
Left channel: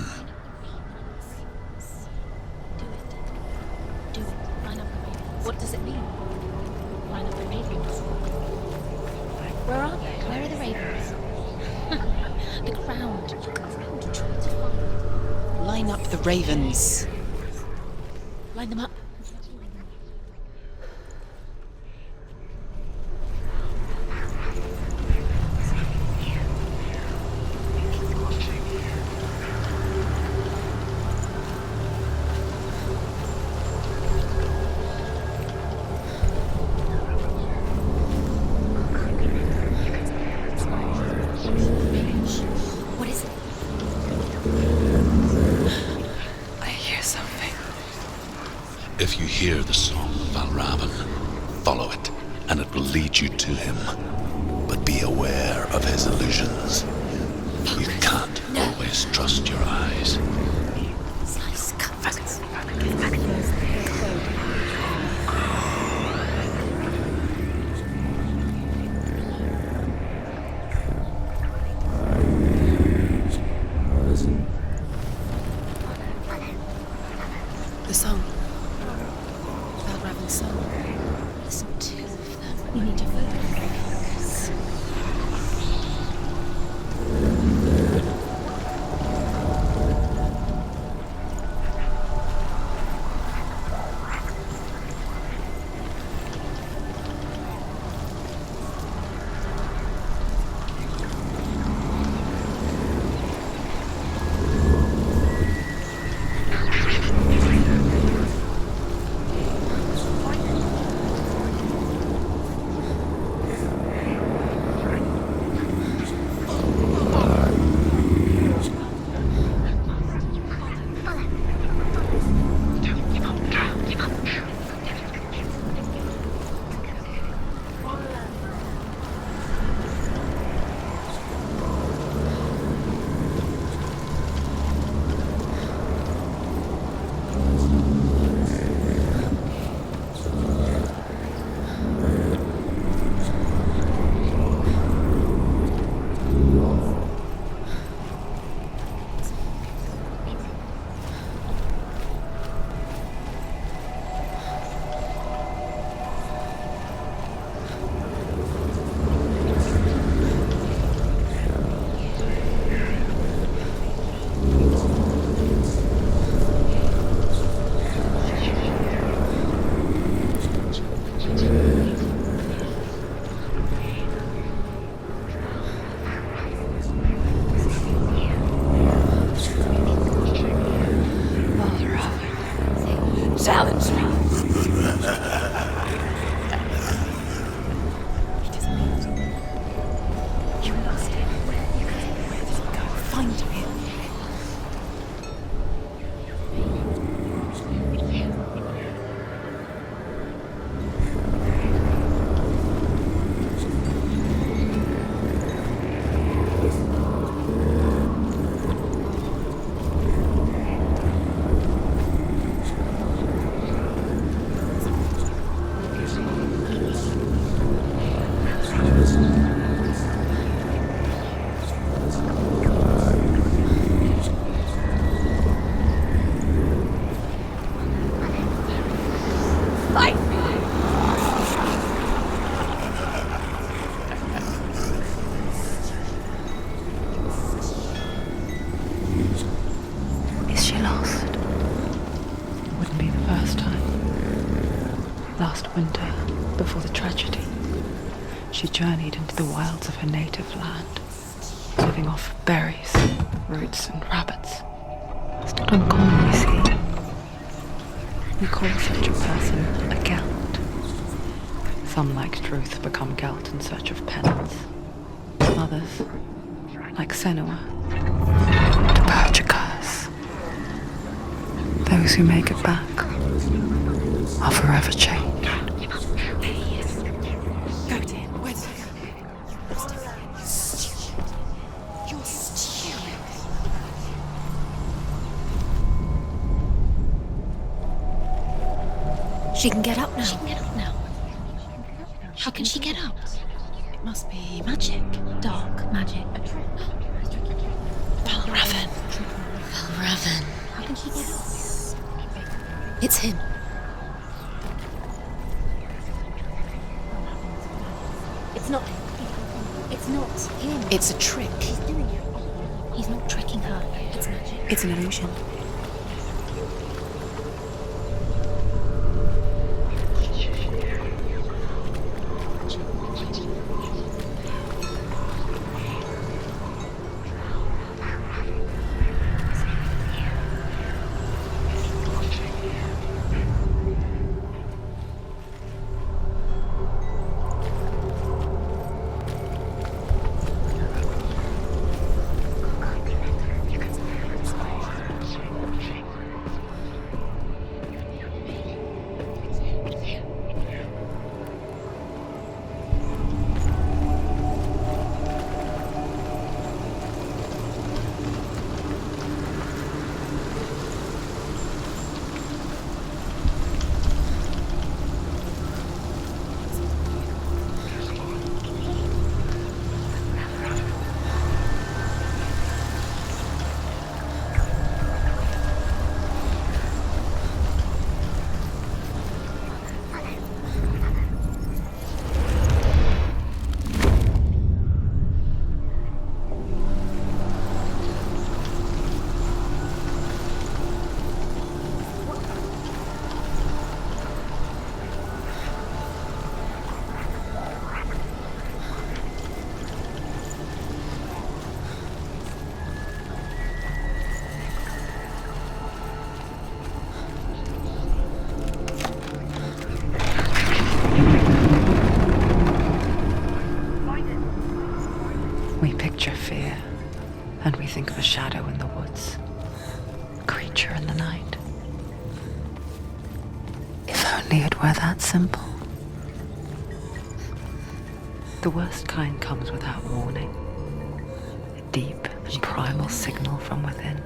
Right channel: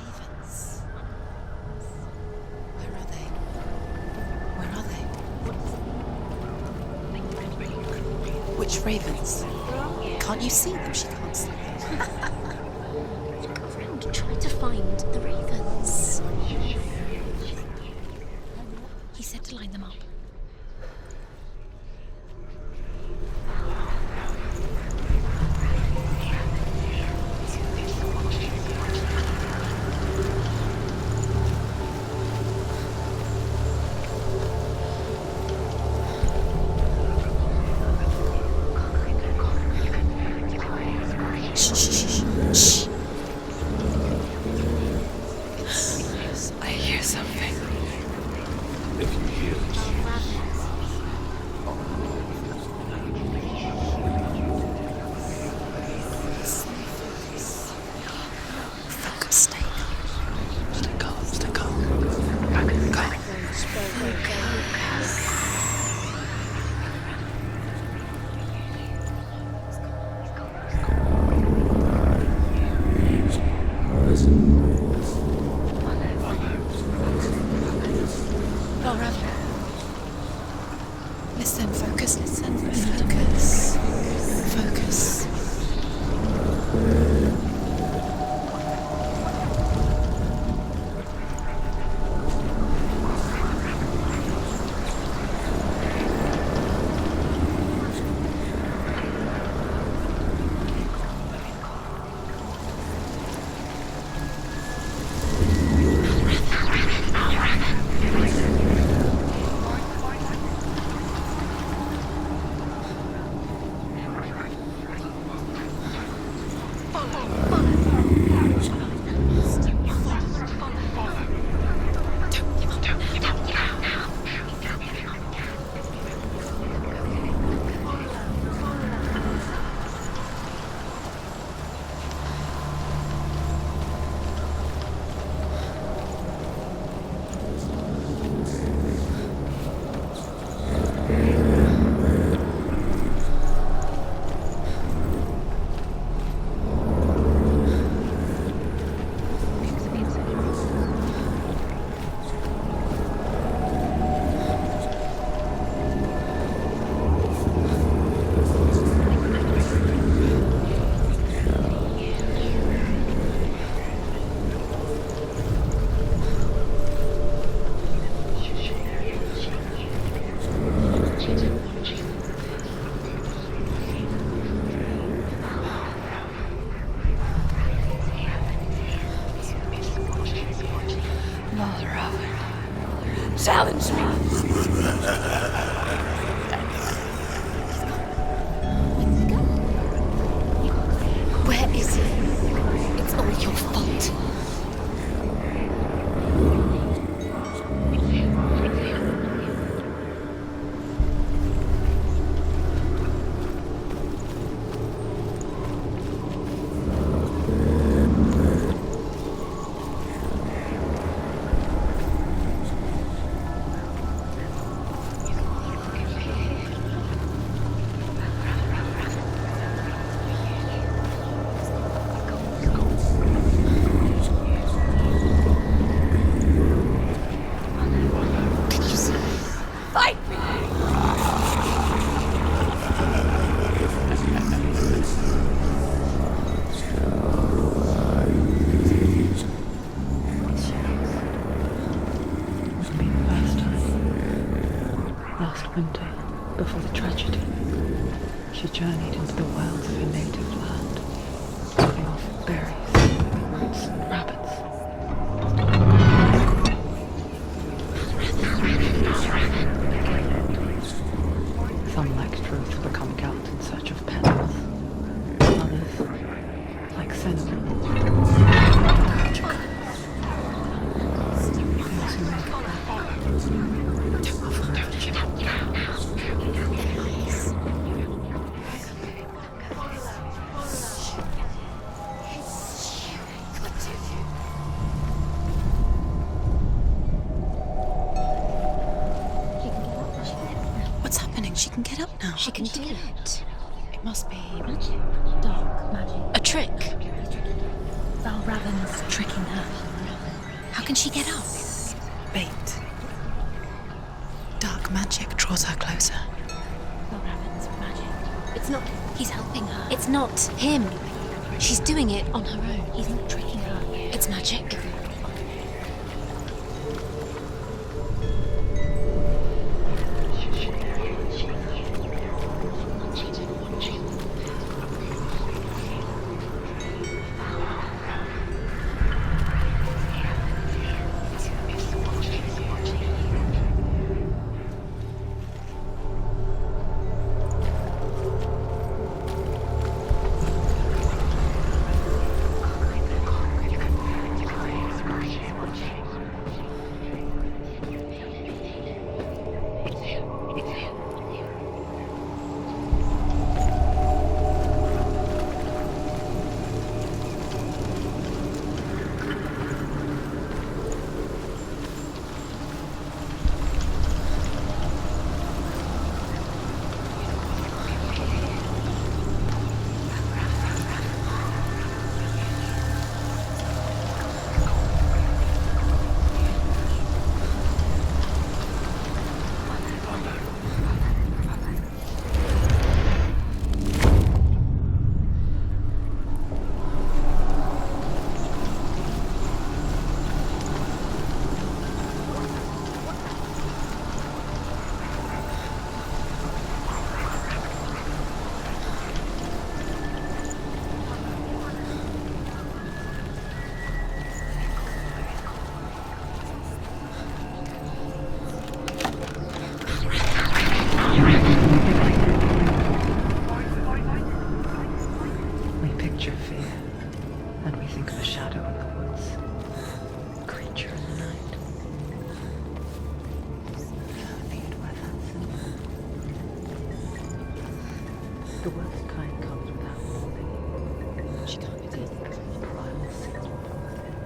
Where are they? What does it mean? Which ravens? Can't you see them? She asks. Look around. Look around. Try to find the ravens. Line up the ravens. Line them up. He said to line them up. What is it? I hear something. If you hear the soul of Valravan, follow it, and it will lead you to him. But be aware of his illusions. You can't always trust your eyes. The song. Valravan's song. Listen, focus, listen. You need to focus. Focus. Valravan. Challenge me. Where is it? It's only your fault. Last winter, before the tragedy, she journeyed into the wilds of her native land, living off of berries, roots, and rabbits. It's not uncommon, you see. We call such a person a Gelt. Some, like Truth, become Gelt in search of penance. Others, like Senua, to purge a curse. Those who make it back are forever changed. She can get up now. She can get up now. What's happening? She can get up now. How can she get out? It must be magic. Dark magic. A trick. Raven tricking her. Raven. How can she get out? Bait. It's him. Dark magic draws her closer. Raven's magic. It's not him. He's helping her. It's not him. It's a trick. She's doing it on her own. He's not tricking her. It's magic. It's an illusion. We picture fear, and we think of a shadow in the woods, a creature in the night. If only it were that simple. The worst kind comes without warning. Deep and primal signal from within.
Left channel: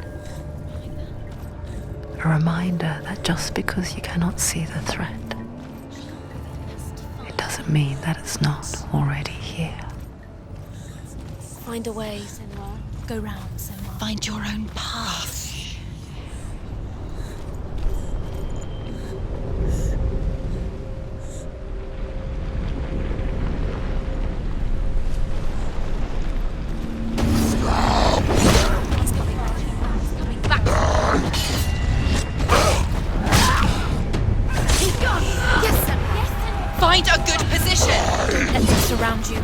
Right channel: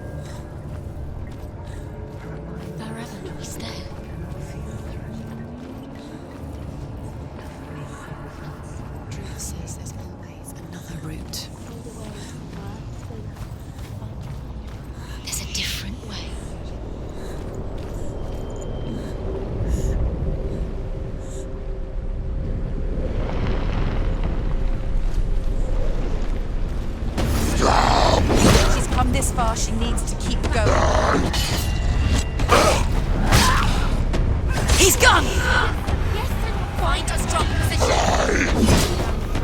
A reminder that just because you cannot see the threat, it doesn't mean that it's not already here. Find a way, Senua. Go round, Senua. Find your own path. There's a different way. She's come this far, she needs to keep going. He's gone! Yes, Senua. Yes, Senua. Find a good position! And just around you.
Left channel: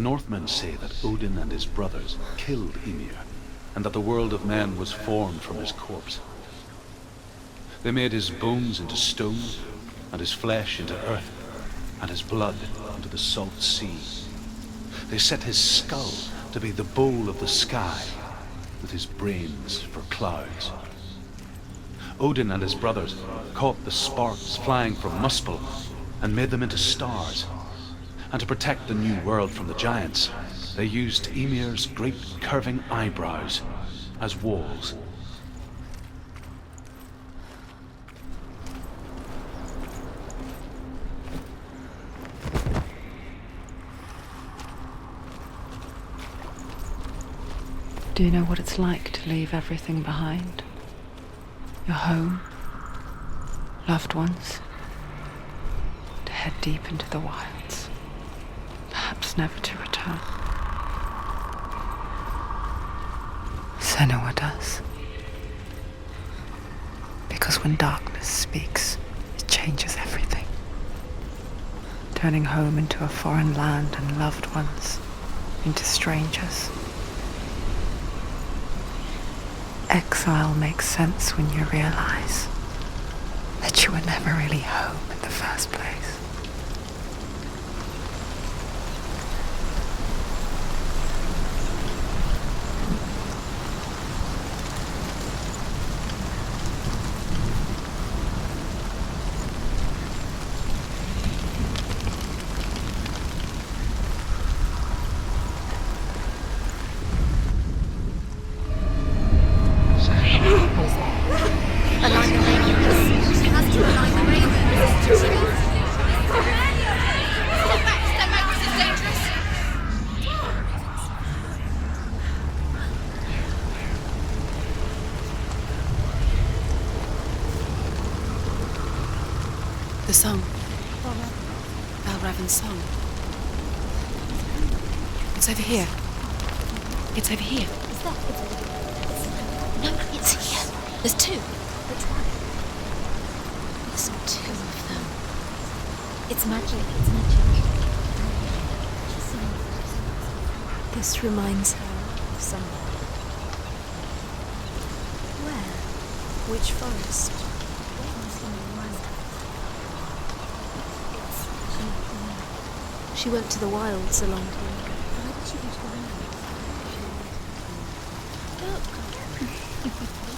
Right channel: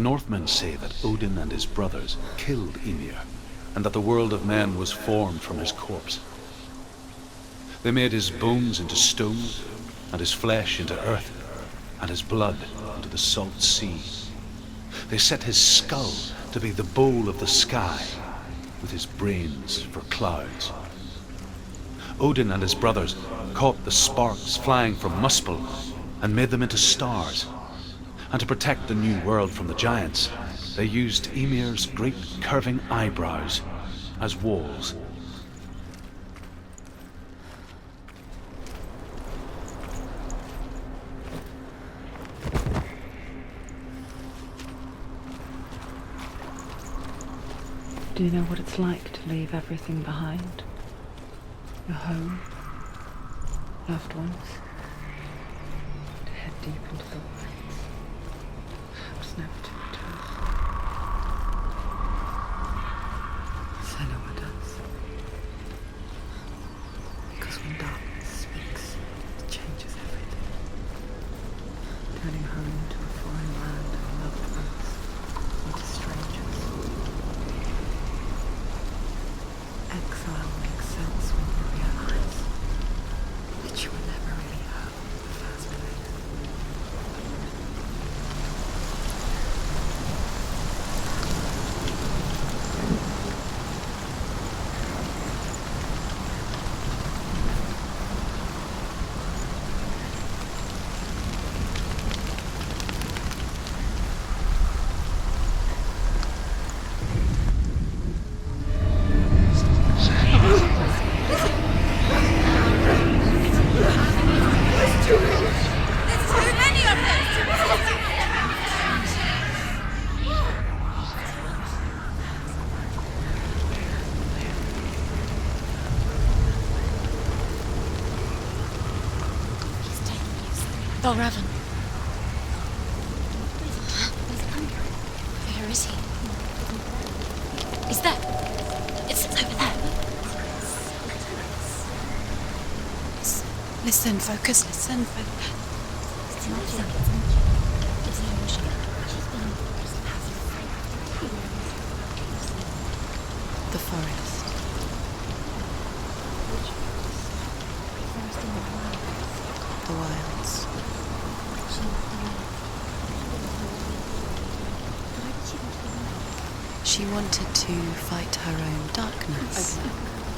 The Northmen say that Odin and his brothers killed Ymir, and that the world of men was formed from his corpse. They made his bones into stone, and his flesh into earth, and his blood into the salt sea. They set his skull to be the bowl of the sky, with his brains for clouds. Odin and his brothers caught the sparks flying from Muspel and made them into stars. And to protect the new world from the giants, they used Ymir's great curving eyebrows as walls. Do you know what it's like to leave everything behind? Your home, loved ones, to head deep into the wilds, perhaps never to return. Senua does. Because when darkness speaks, it changes everything, turning home into a foreign land and loved ones into strangers. Exile makes sense when you realize that you were never really home in the first place. The song. Balravan's song. It's over here. It's over here. Is that? It's over there. No, it's here. There's two. Listen, focus, listen. It's magic. It's magic. It's an illusion. This reminds her of something. The forest. Where? Which forest? The forest in the wild. The wilds. She went to the wilds a long time ago. Why did she go to the wilds? She wanted to fight her own darkness.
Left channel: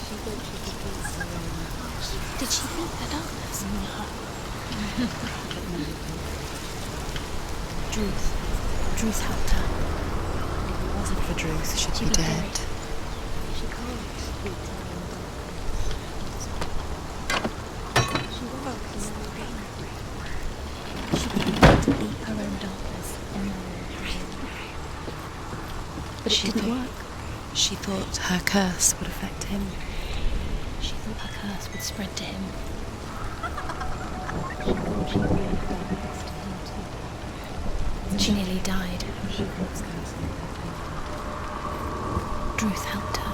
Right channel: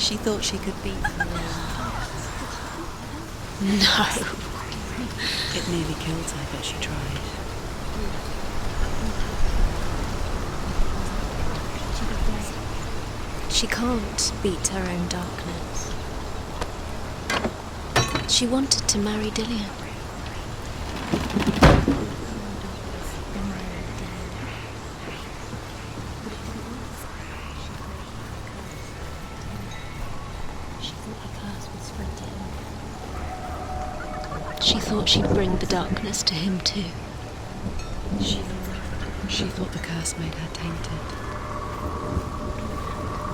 She thought she could beat her own. Did she beat the darkness? No. It nearly killed her, but she tried. Druth helped her. If it wasn't for Druth, she'd be dead. She can't beat her own darkness. She wanted to marry Dillian. But it didn't work. She thought her curse would affect him. She thought her curse would spread to him. She thought she'd bring the darkness to him too. She nearly died. She thought the curse made her tainted. Druth helped her.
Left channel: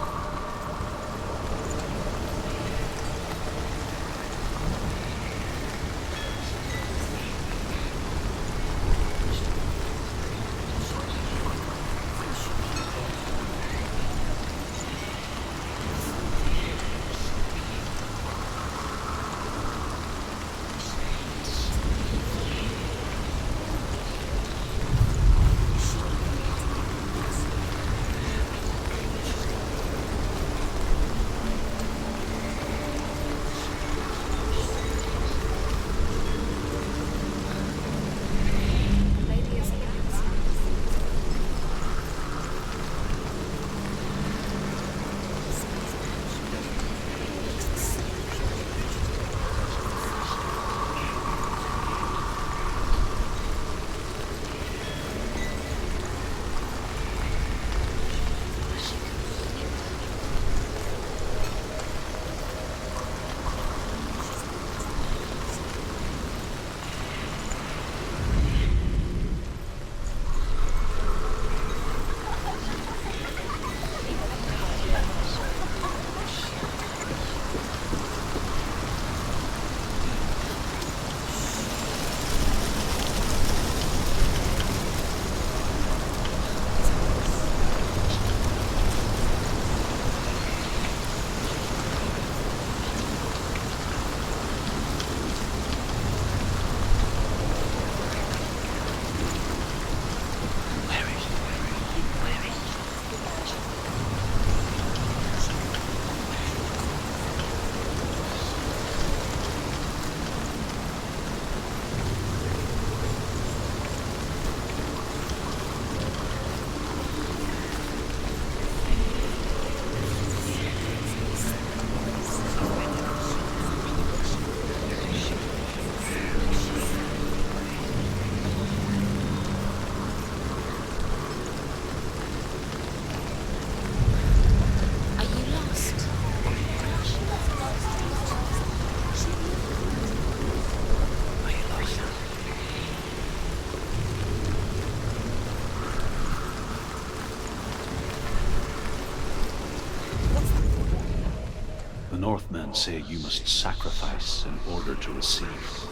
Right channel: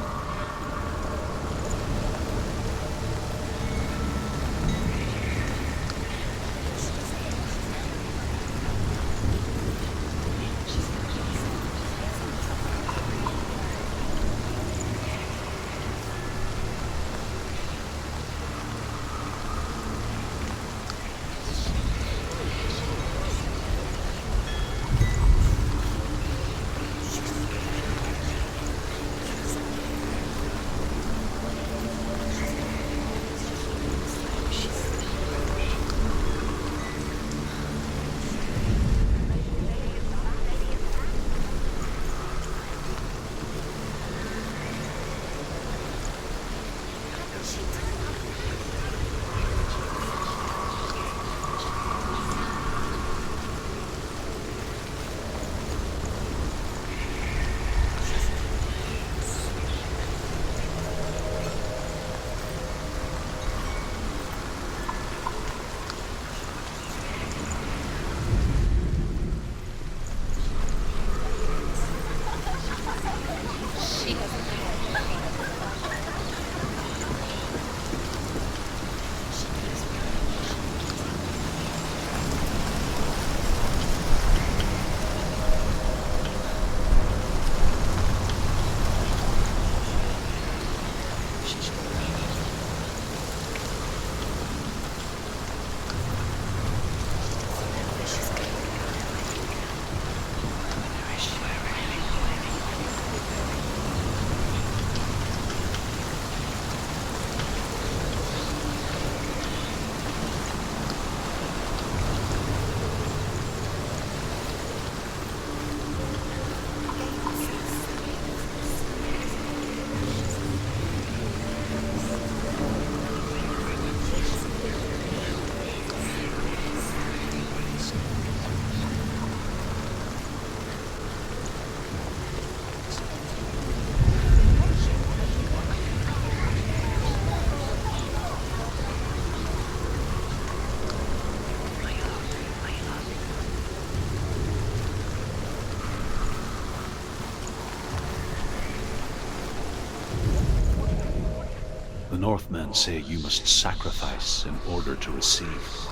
Northmen say you must sacrifice in order to receive.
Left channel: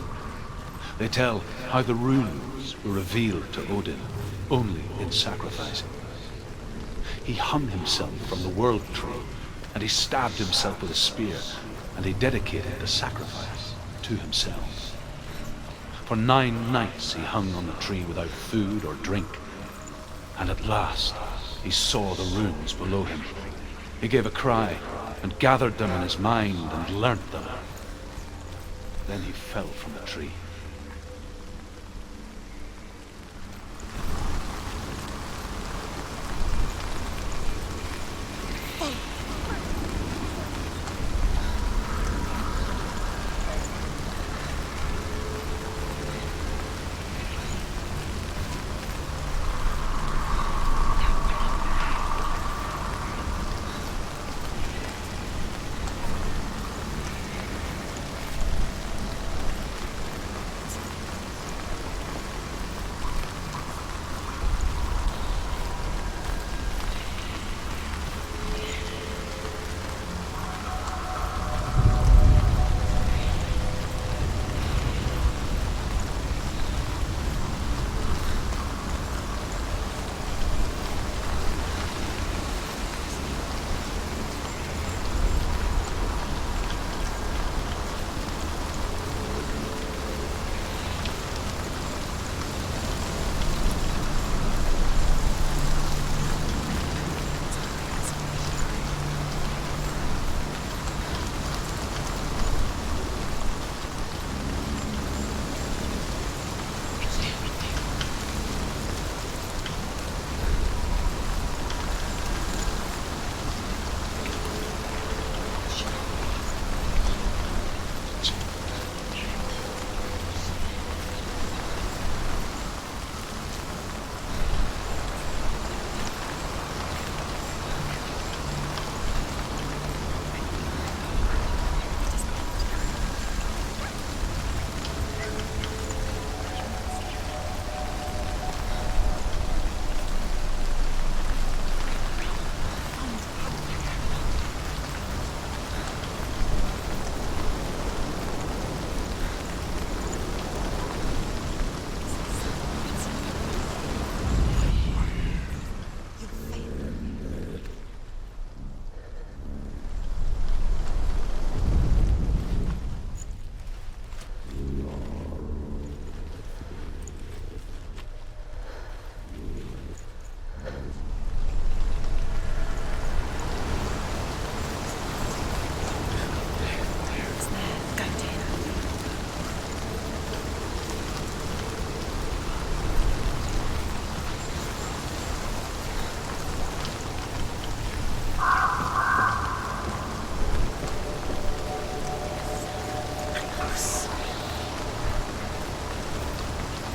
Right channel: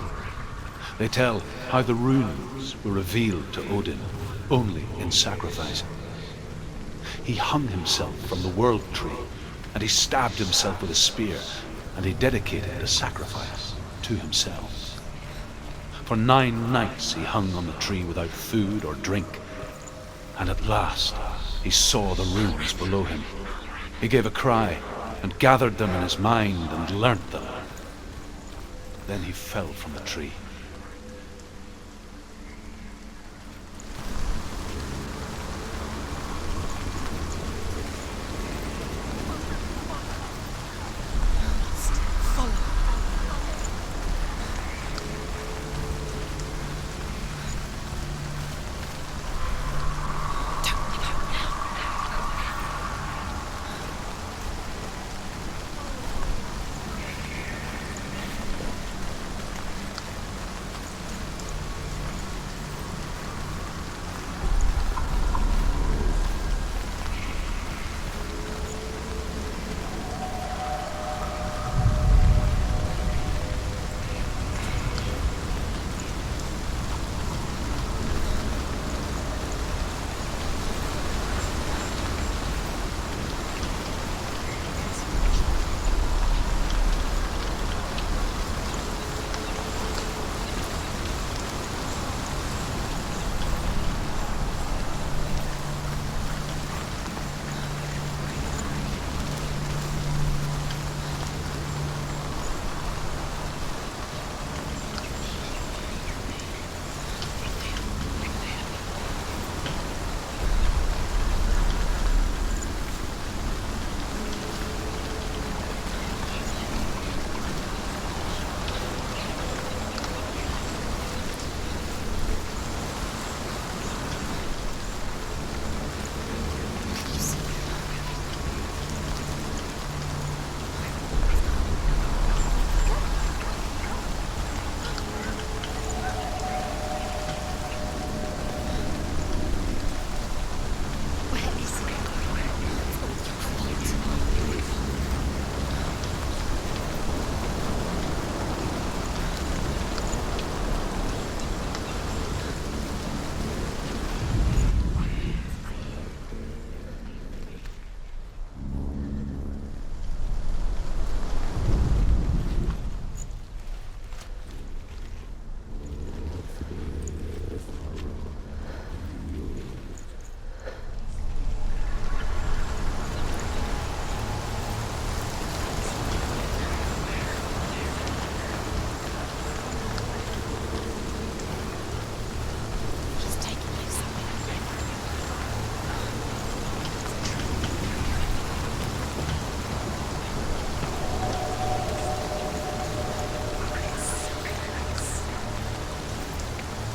They tell how the runes were revealed to Odin only in sacrifice. He hung himself from the world tree, and he stabbed himself with a spear, and he dedicated the sacrifice to himself. For 9 nights he hung on the tree without food or drink, and at last he saw the runes below him. He gave a cry, and gathered them in his mind and learnt them. Then he fell from the tree.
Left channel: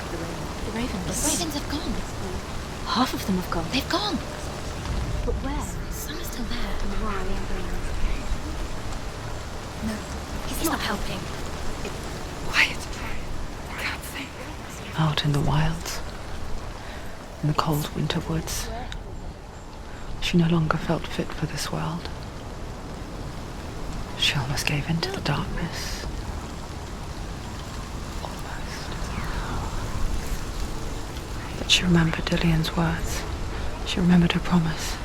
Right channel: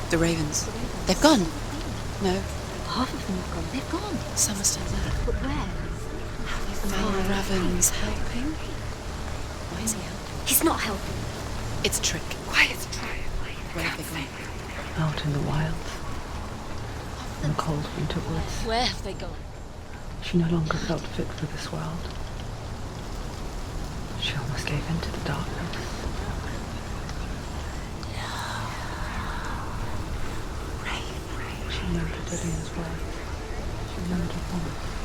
The ravens. The ravens. They've gone. They've gone. No, Half of them have gone. they've gone. Some are still there. But where? Some are still there. Are ravens helping? He's not helping. It's a trick. Quiet. I can't think. Out in the wilds, in cold winter woods, Where have they gone? she no longer felt fit for this world. She almost gave in to the darkness. But she remembered Dillian's words. She remembered her promise.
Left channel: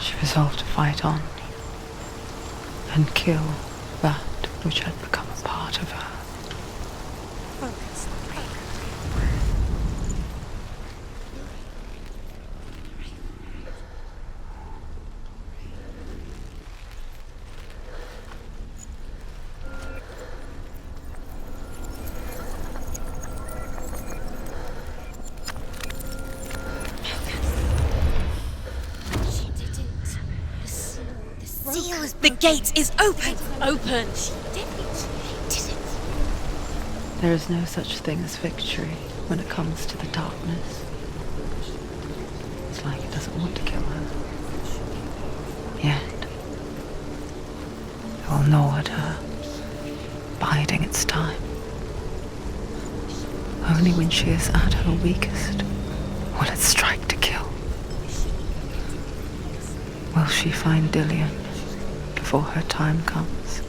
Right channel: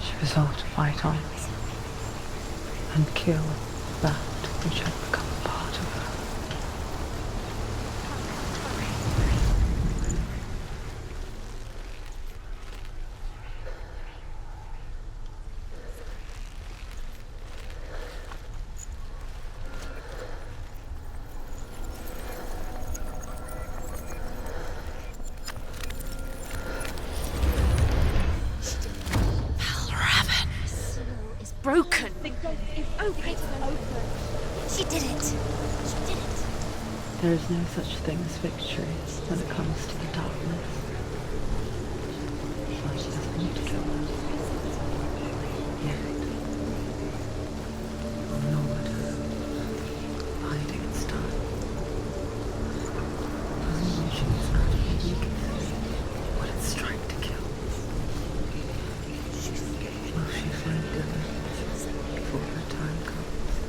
She resolved to fight on and kill that which had become part of her. Broken. The gate is open. Open. She did it. There is no such thing as victory when it comes to the darkness. It's like it doesn't want to kill her. Yet, it will gnaw at her, biding its time. Only when she is at her weakest will it strike to kill. Will she find Dillian? before her time comes.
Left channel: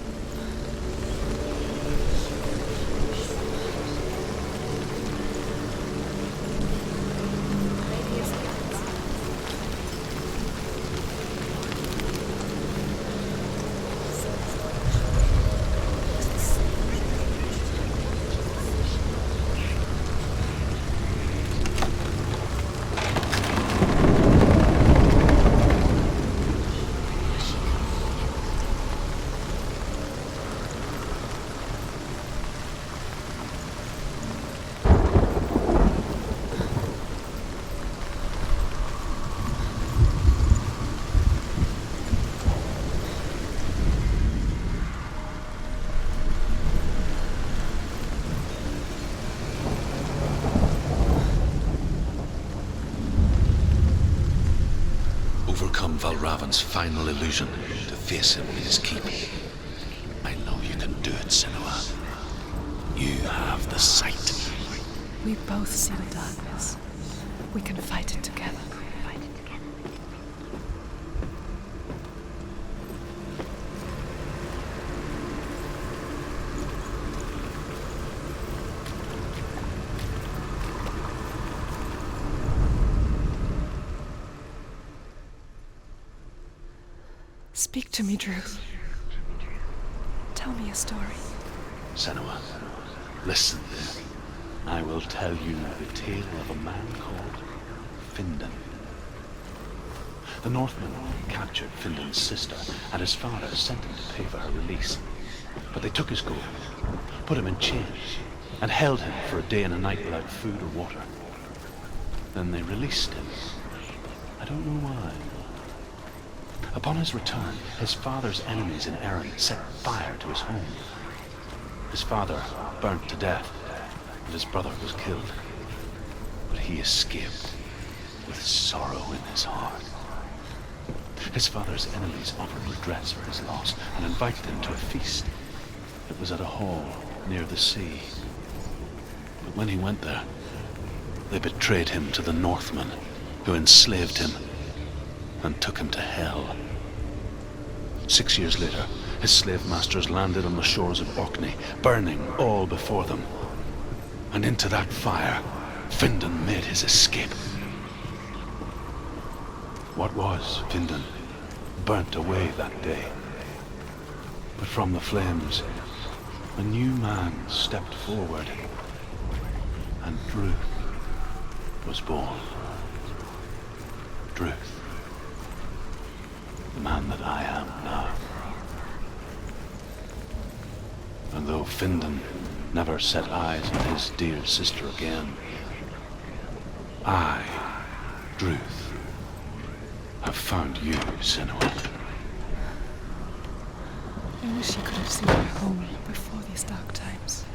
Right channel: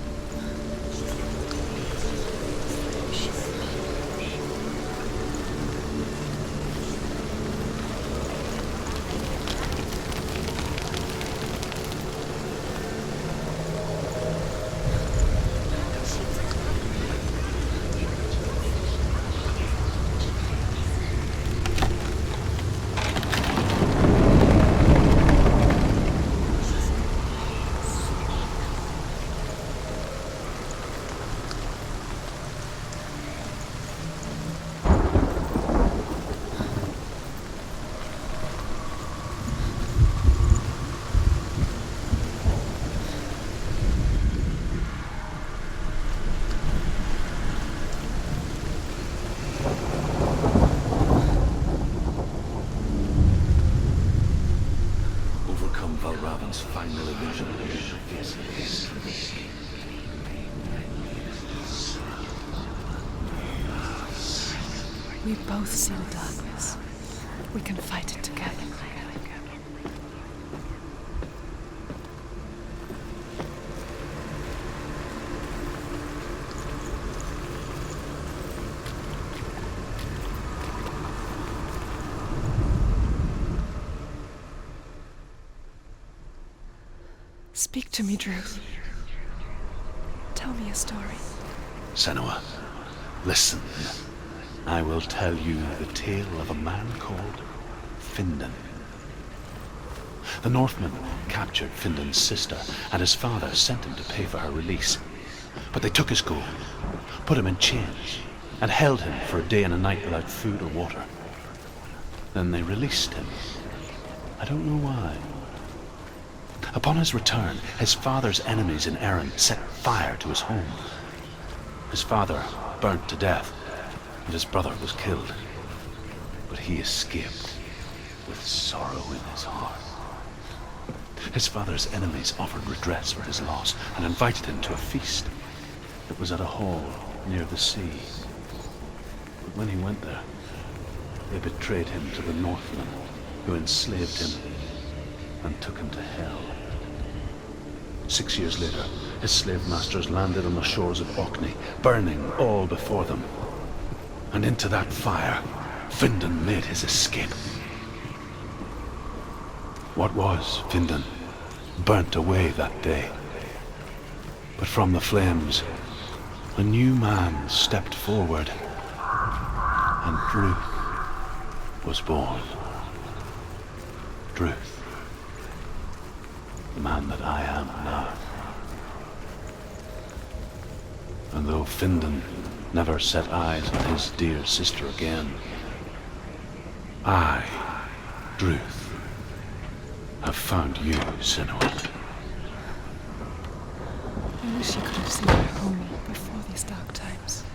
Overcome Valravan's final illusion to face him in his keep. I know you can do it, Senua. You have the sight. We both see the darkness. We can fight it together. Speak to me, Druth. Tell me a story. Senua, listen. I will tell you the tale of a man called Findan. The Northmen captured Findan's sister, and his father sent him to pay for her release. But they took his gold, put him in chains, and held him for a day and a night without food or water. Then they released him. I don't know why. Upon his return, his father's enemies in Erin set fire to his home. His father burnt to death, and his brother was killed. But he escaped with sorrow in his heart. His father's enemies offered redress for his loss and invited him to a feast. It was at a hall near the sea. But when he went there, they betrayed him to the Northmen, who enslaved him and took him to hell. 6 years later, his slave masters landed on the shores of Orkney, burning all before them. And into that fire, Findan made his escape. What was Findan burnt away that day. But from the flames, a new man stepped forward, and Druth was born. Druth. The man that I am now. And though Findan never set eyes on his dear sister again, I, Druth, have found you, Senua. I wish you could have seen my home before these dark times.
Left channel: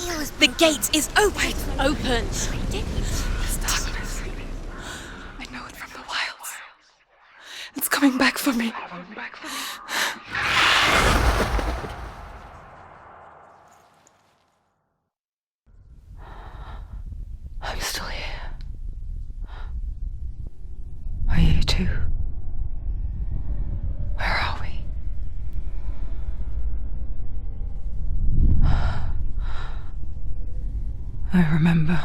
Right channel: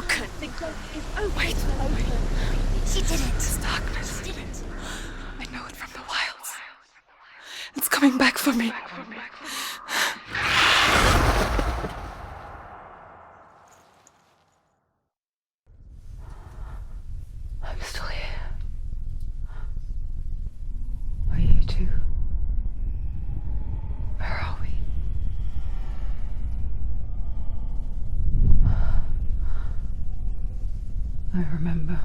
broke. The gate is open. Open. This darkness. I know it from the wilds. It's coming back for me. I'm still here. Are you too? Where are we? I remember.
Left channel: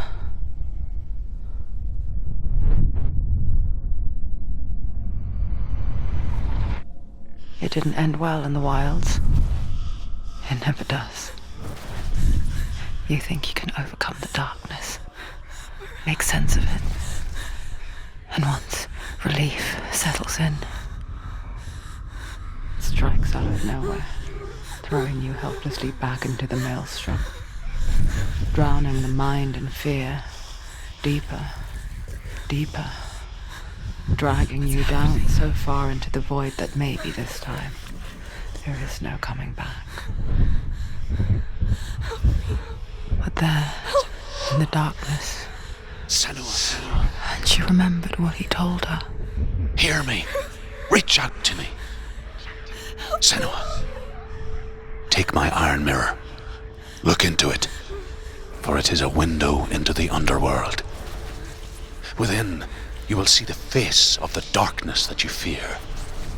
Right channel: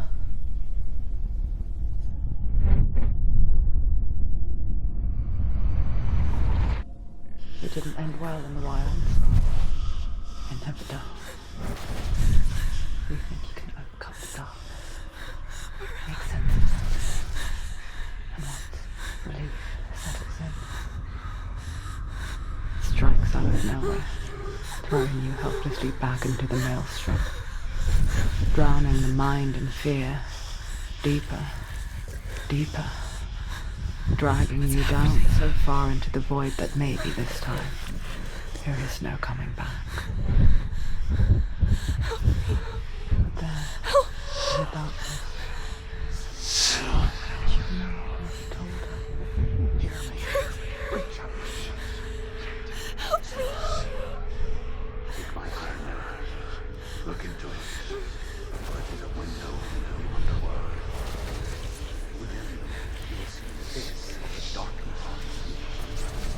It didn't end well in the wilds. It never does. You think you can overcome the darkness, make sense of it, and once relief settles in, it strikes out of nowhere, throwing you helplessly back into the maelstrom, drowning the mind in fear, deeper, deeper, dragging you down so far into the void that maybe this time there is no coming back. But there, in the darkness, Senua, and she remembered what he told her. hear me. Reach out to me. Senua, take my iron mirror. Look into it, for it is a window into the underworld. Within, you will see the face of the darkness that you fear.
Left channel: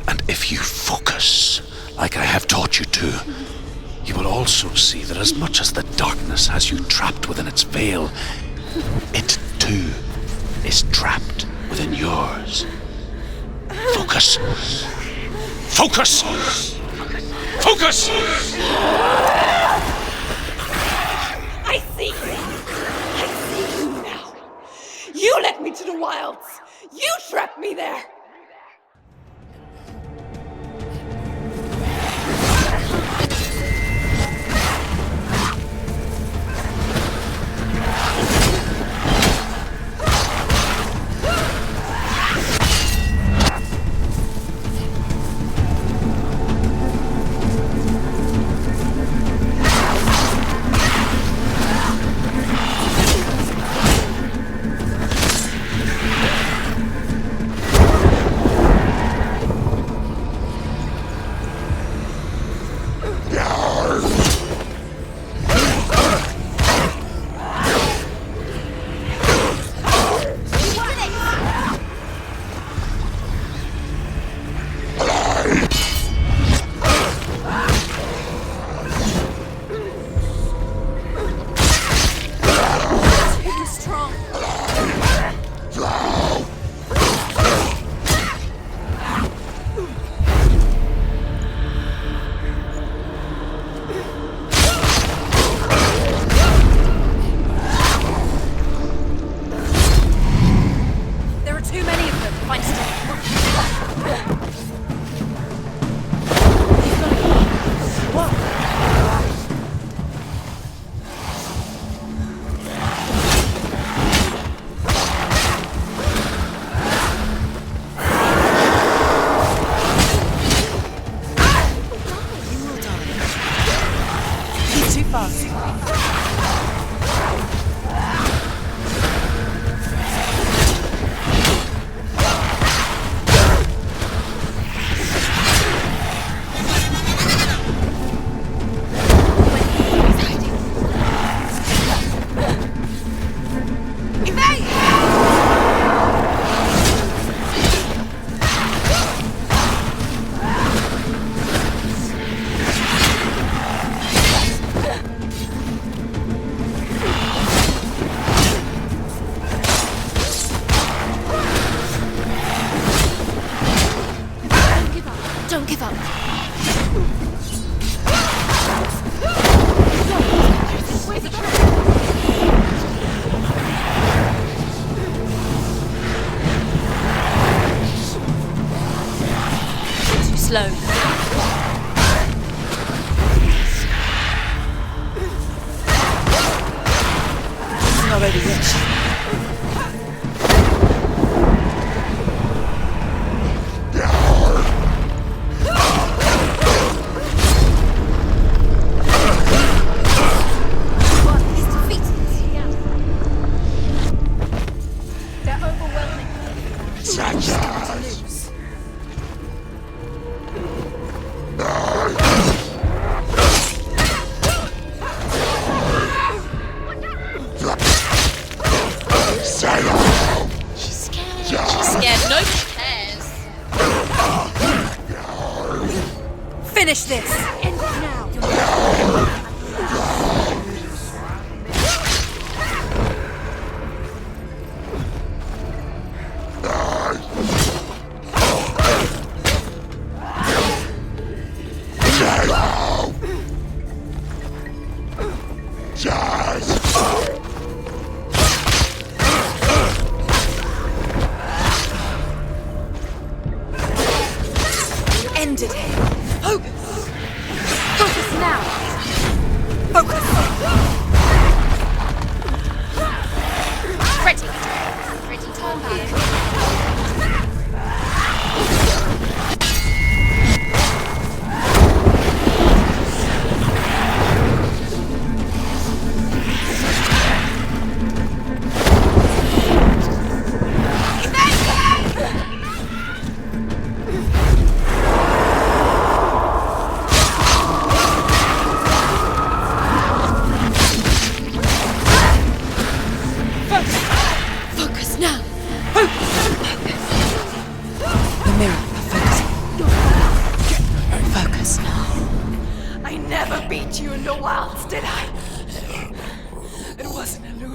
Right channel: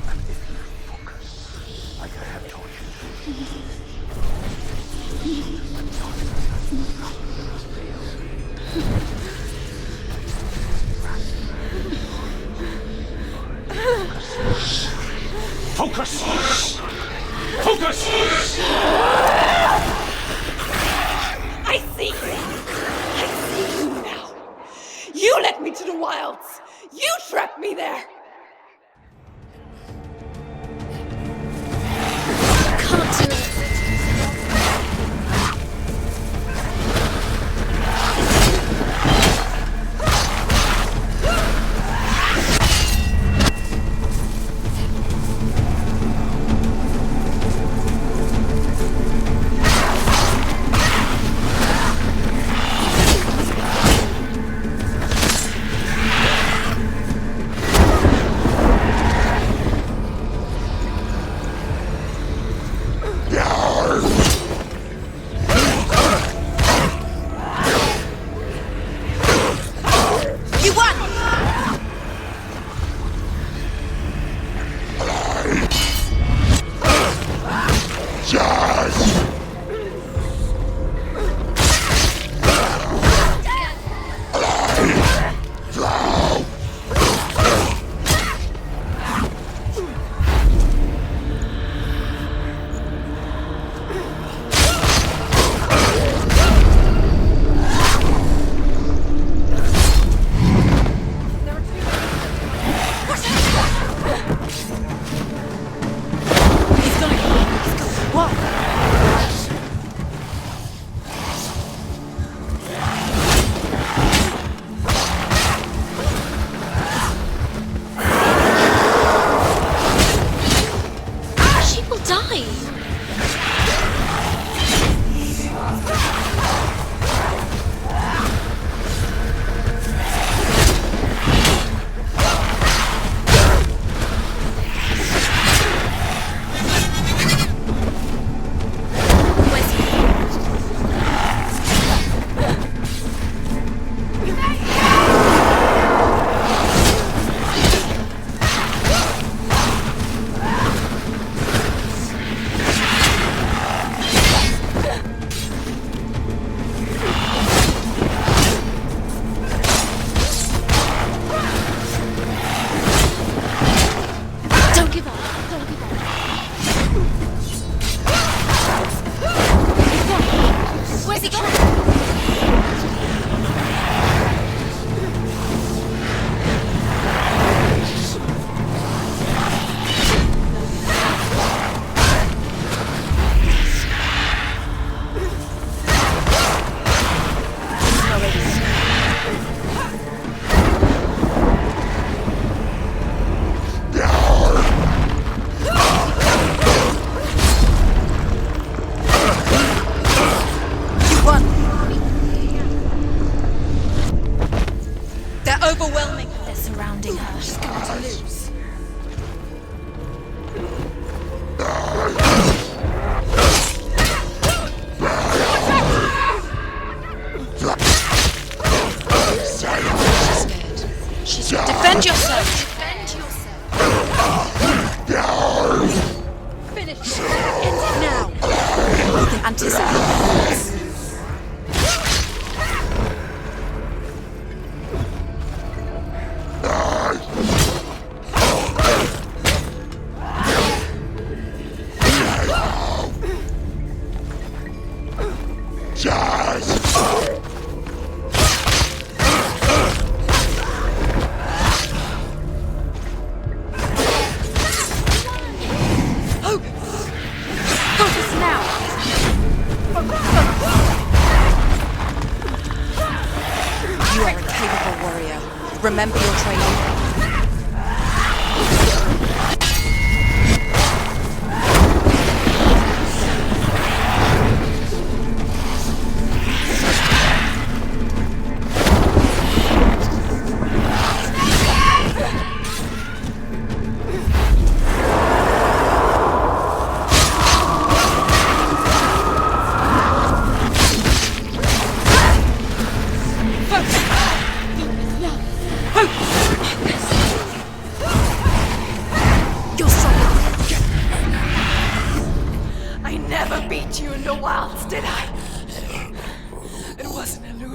And if you focus, like I have taught you to, you will also see that as much as the darkness has you trapped within its veil, it too is trapped within yours. Focus. Focus! Focus! I see you! I see you now! You led me to the wilds! You trapped me there! One.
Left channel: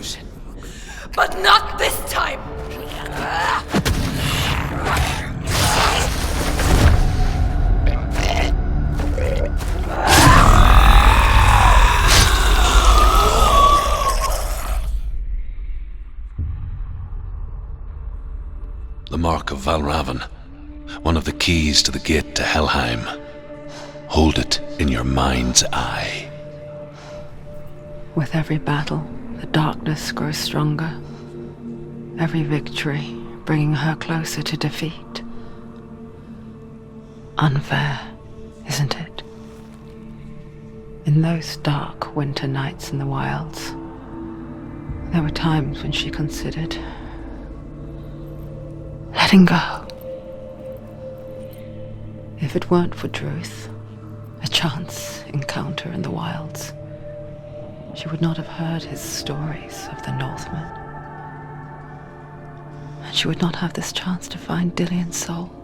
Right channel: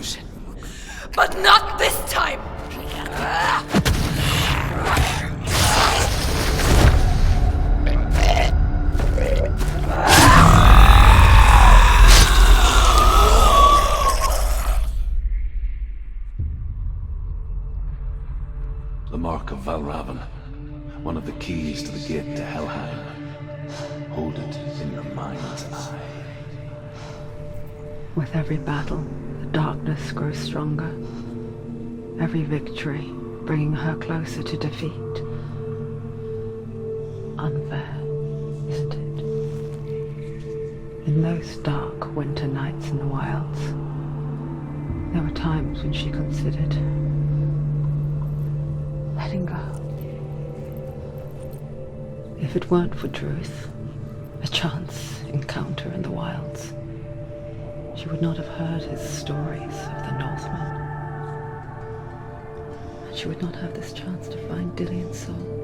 illusion. But not this time! The Mark of Valravan, one of the keys to the gate to Helheim. Hold it in your mind's eye. With every battle, the darkness grows stronger. Every victory bringing her closer to defeat. Unfair, isn't it? In those dark winter nights in the wilds, there were times when she considered letting go. If it weren't for Druth, a chance encounter in the wilds, she would not have heard his stories of the Northmen. And she would not have this chance to find Dillion's soul.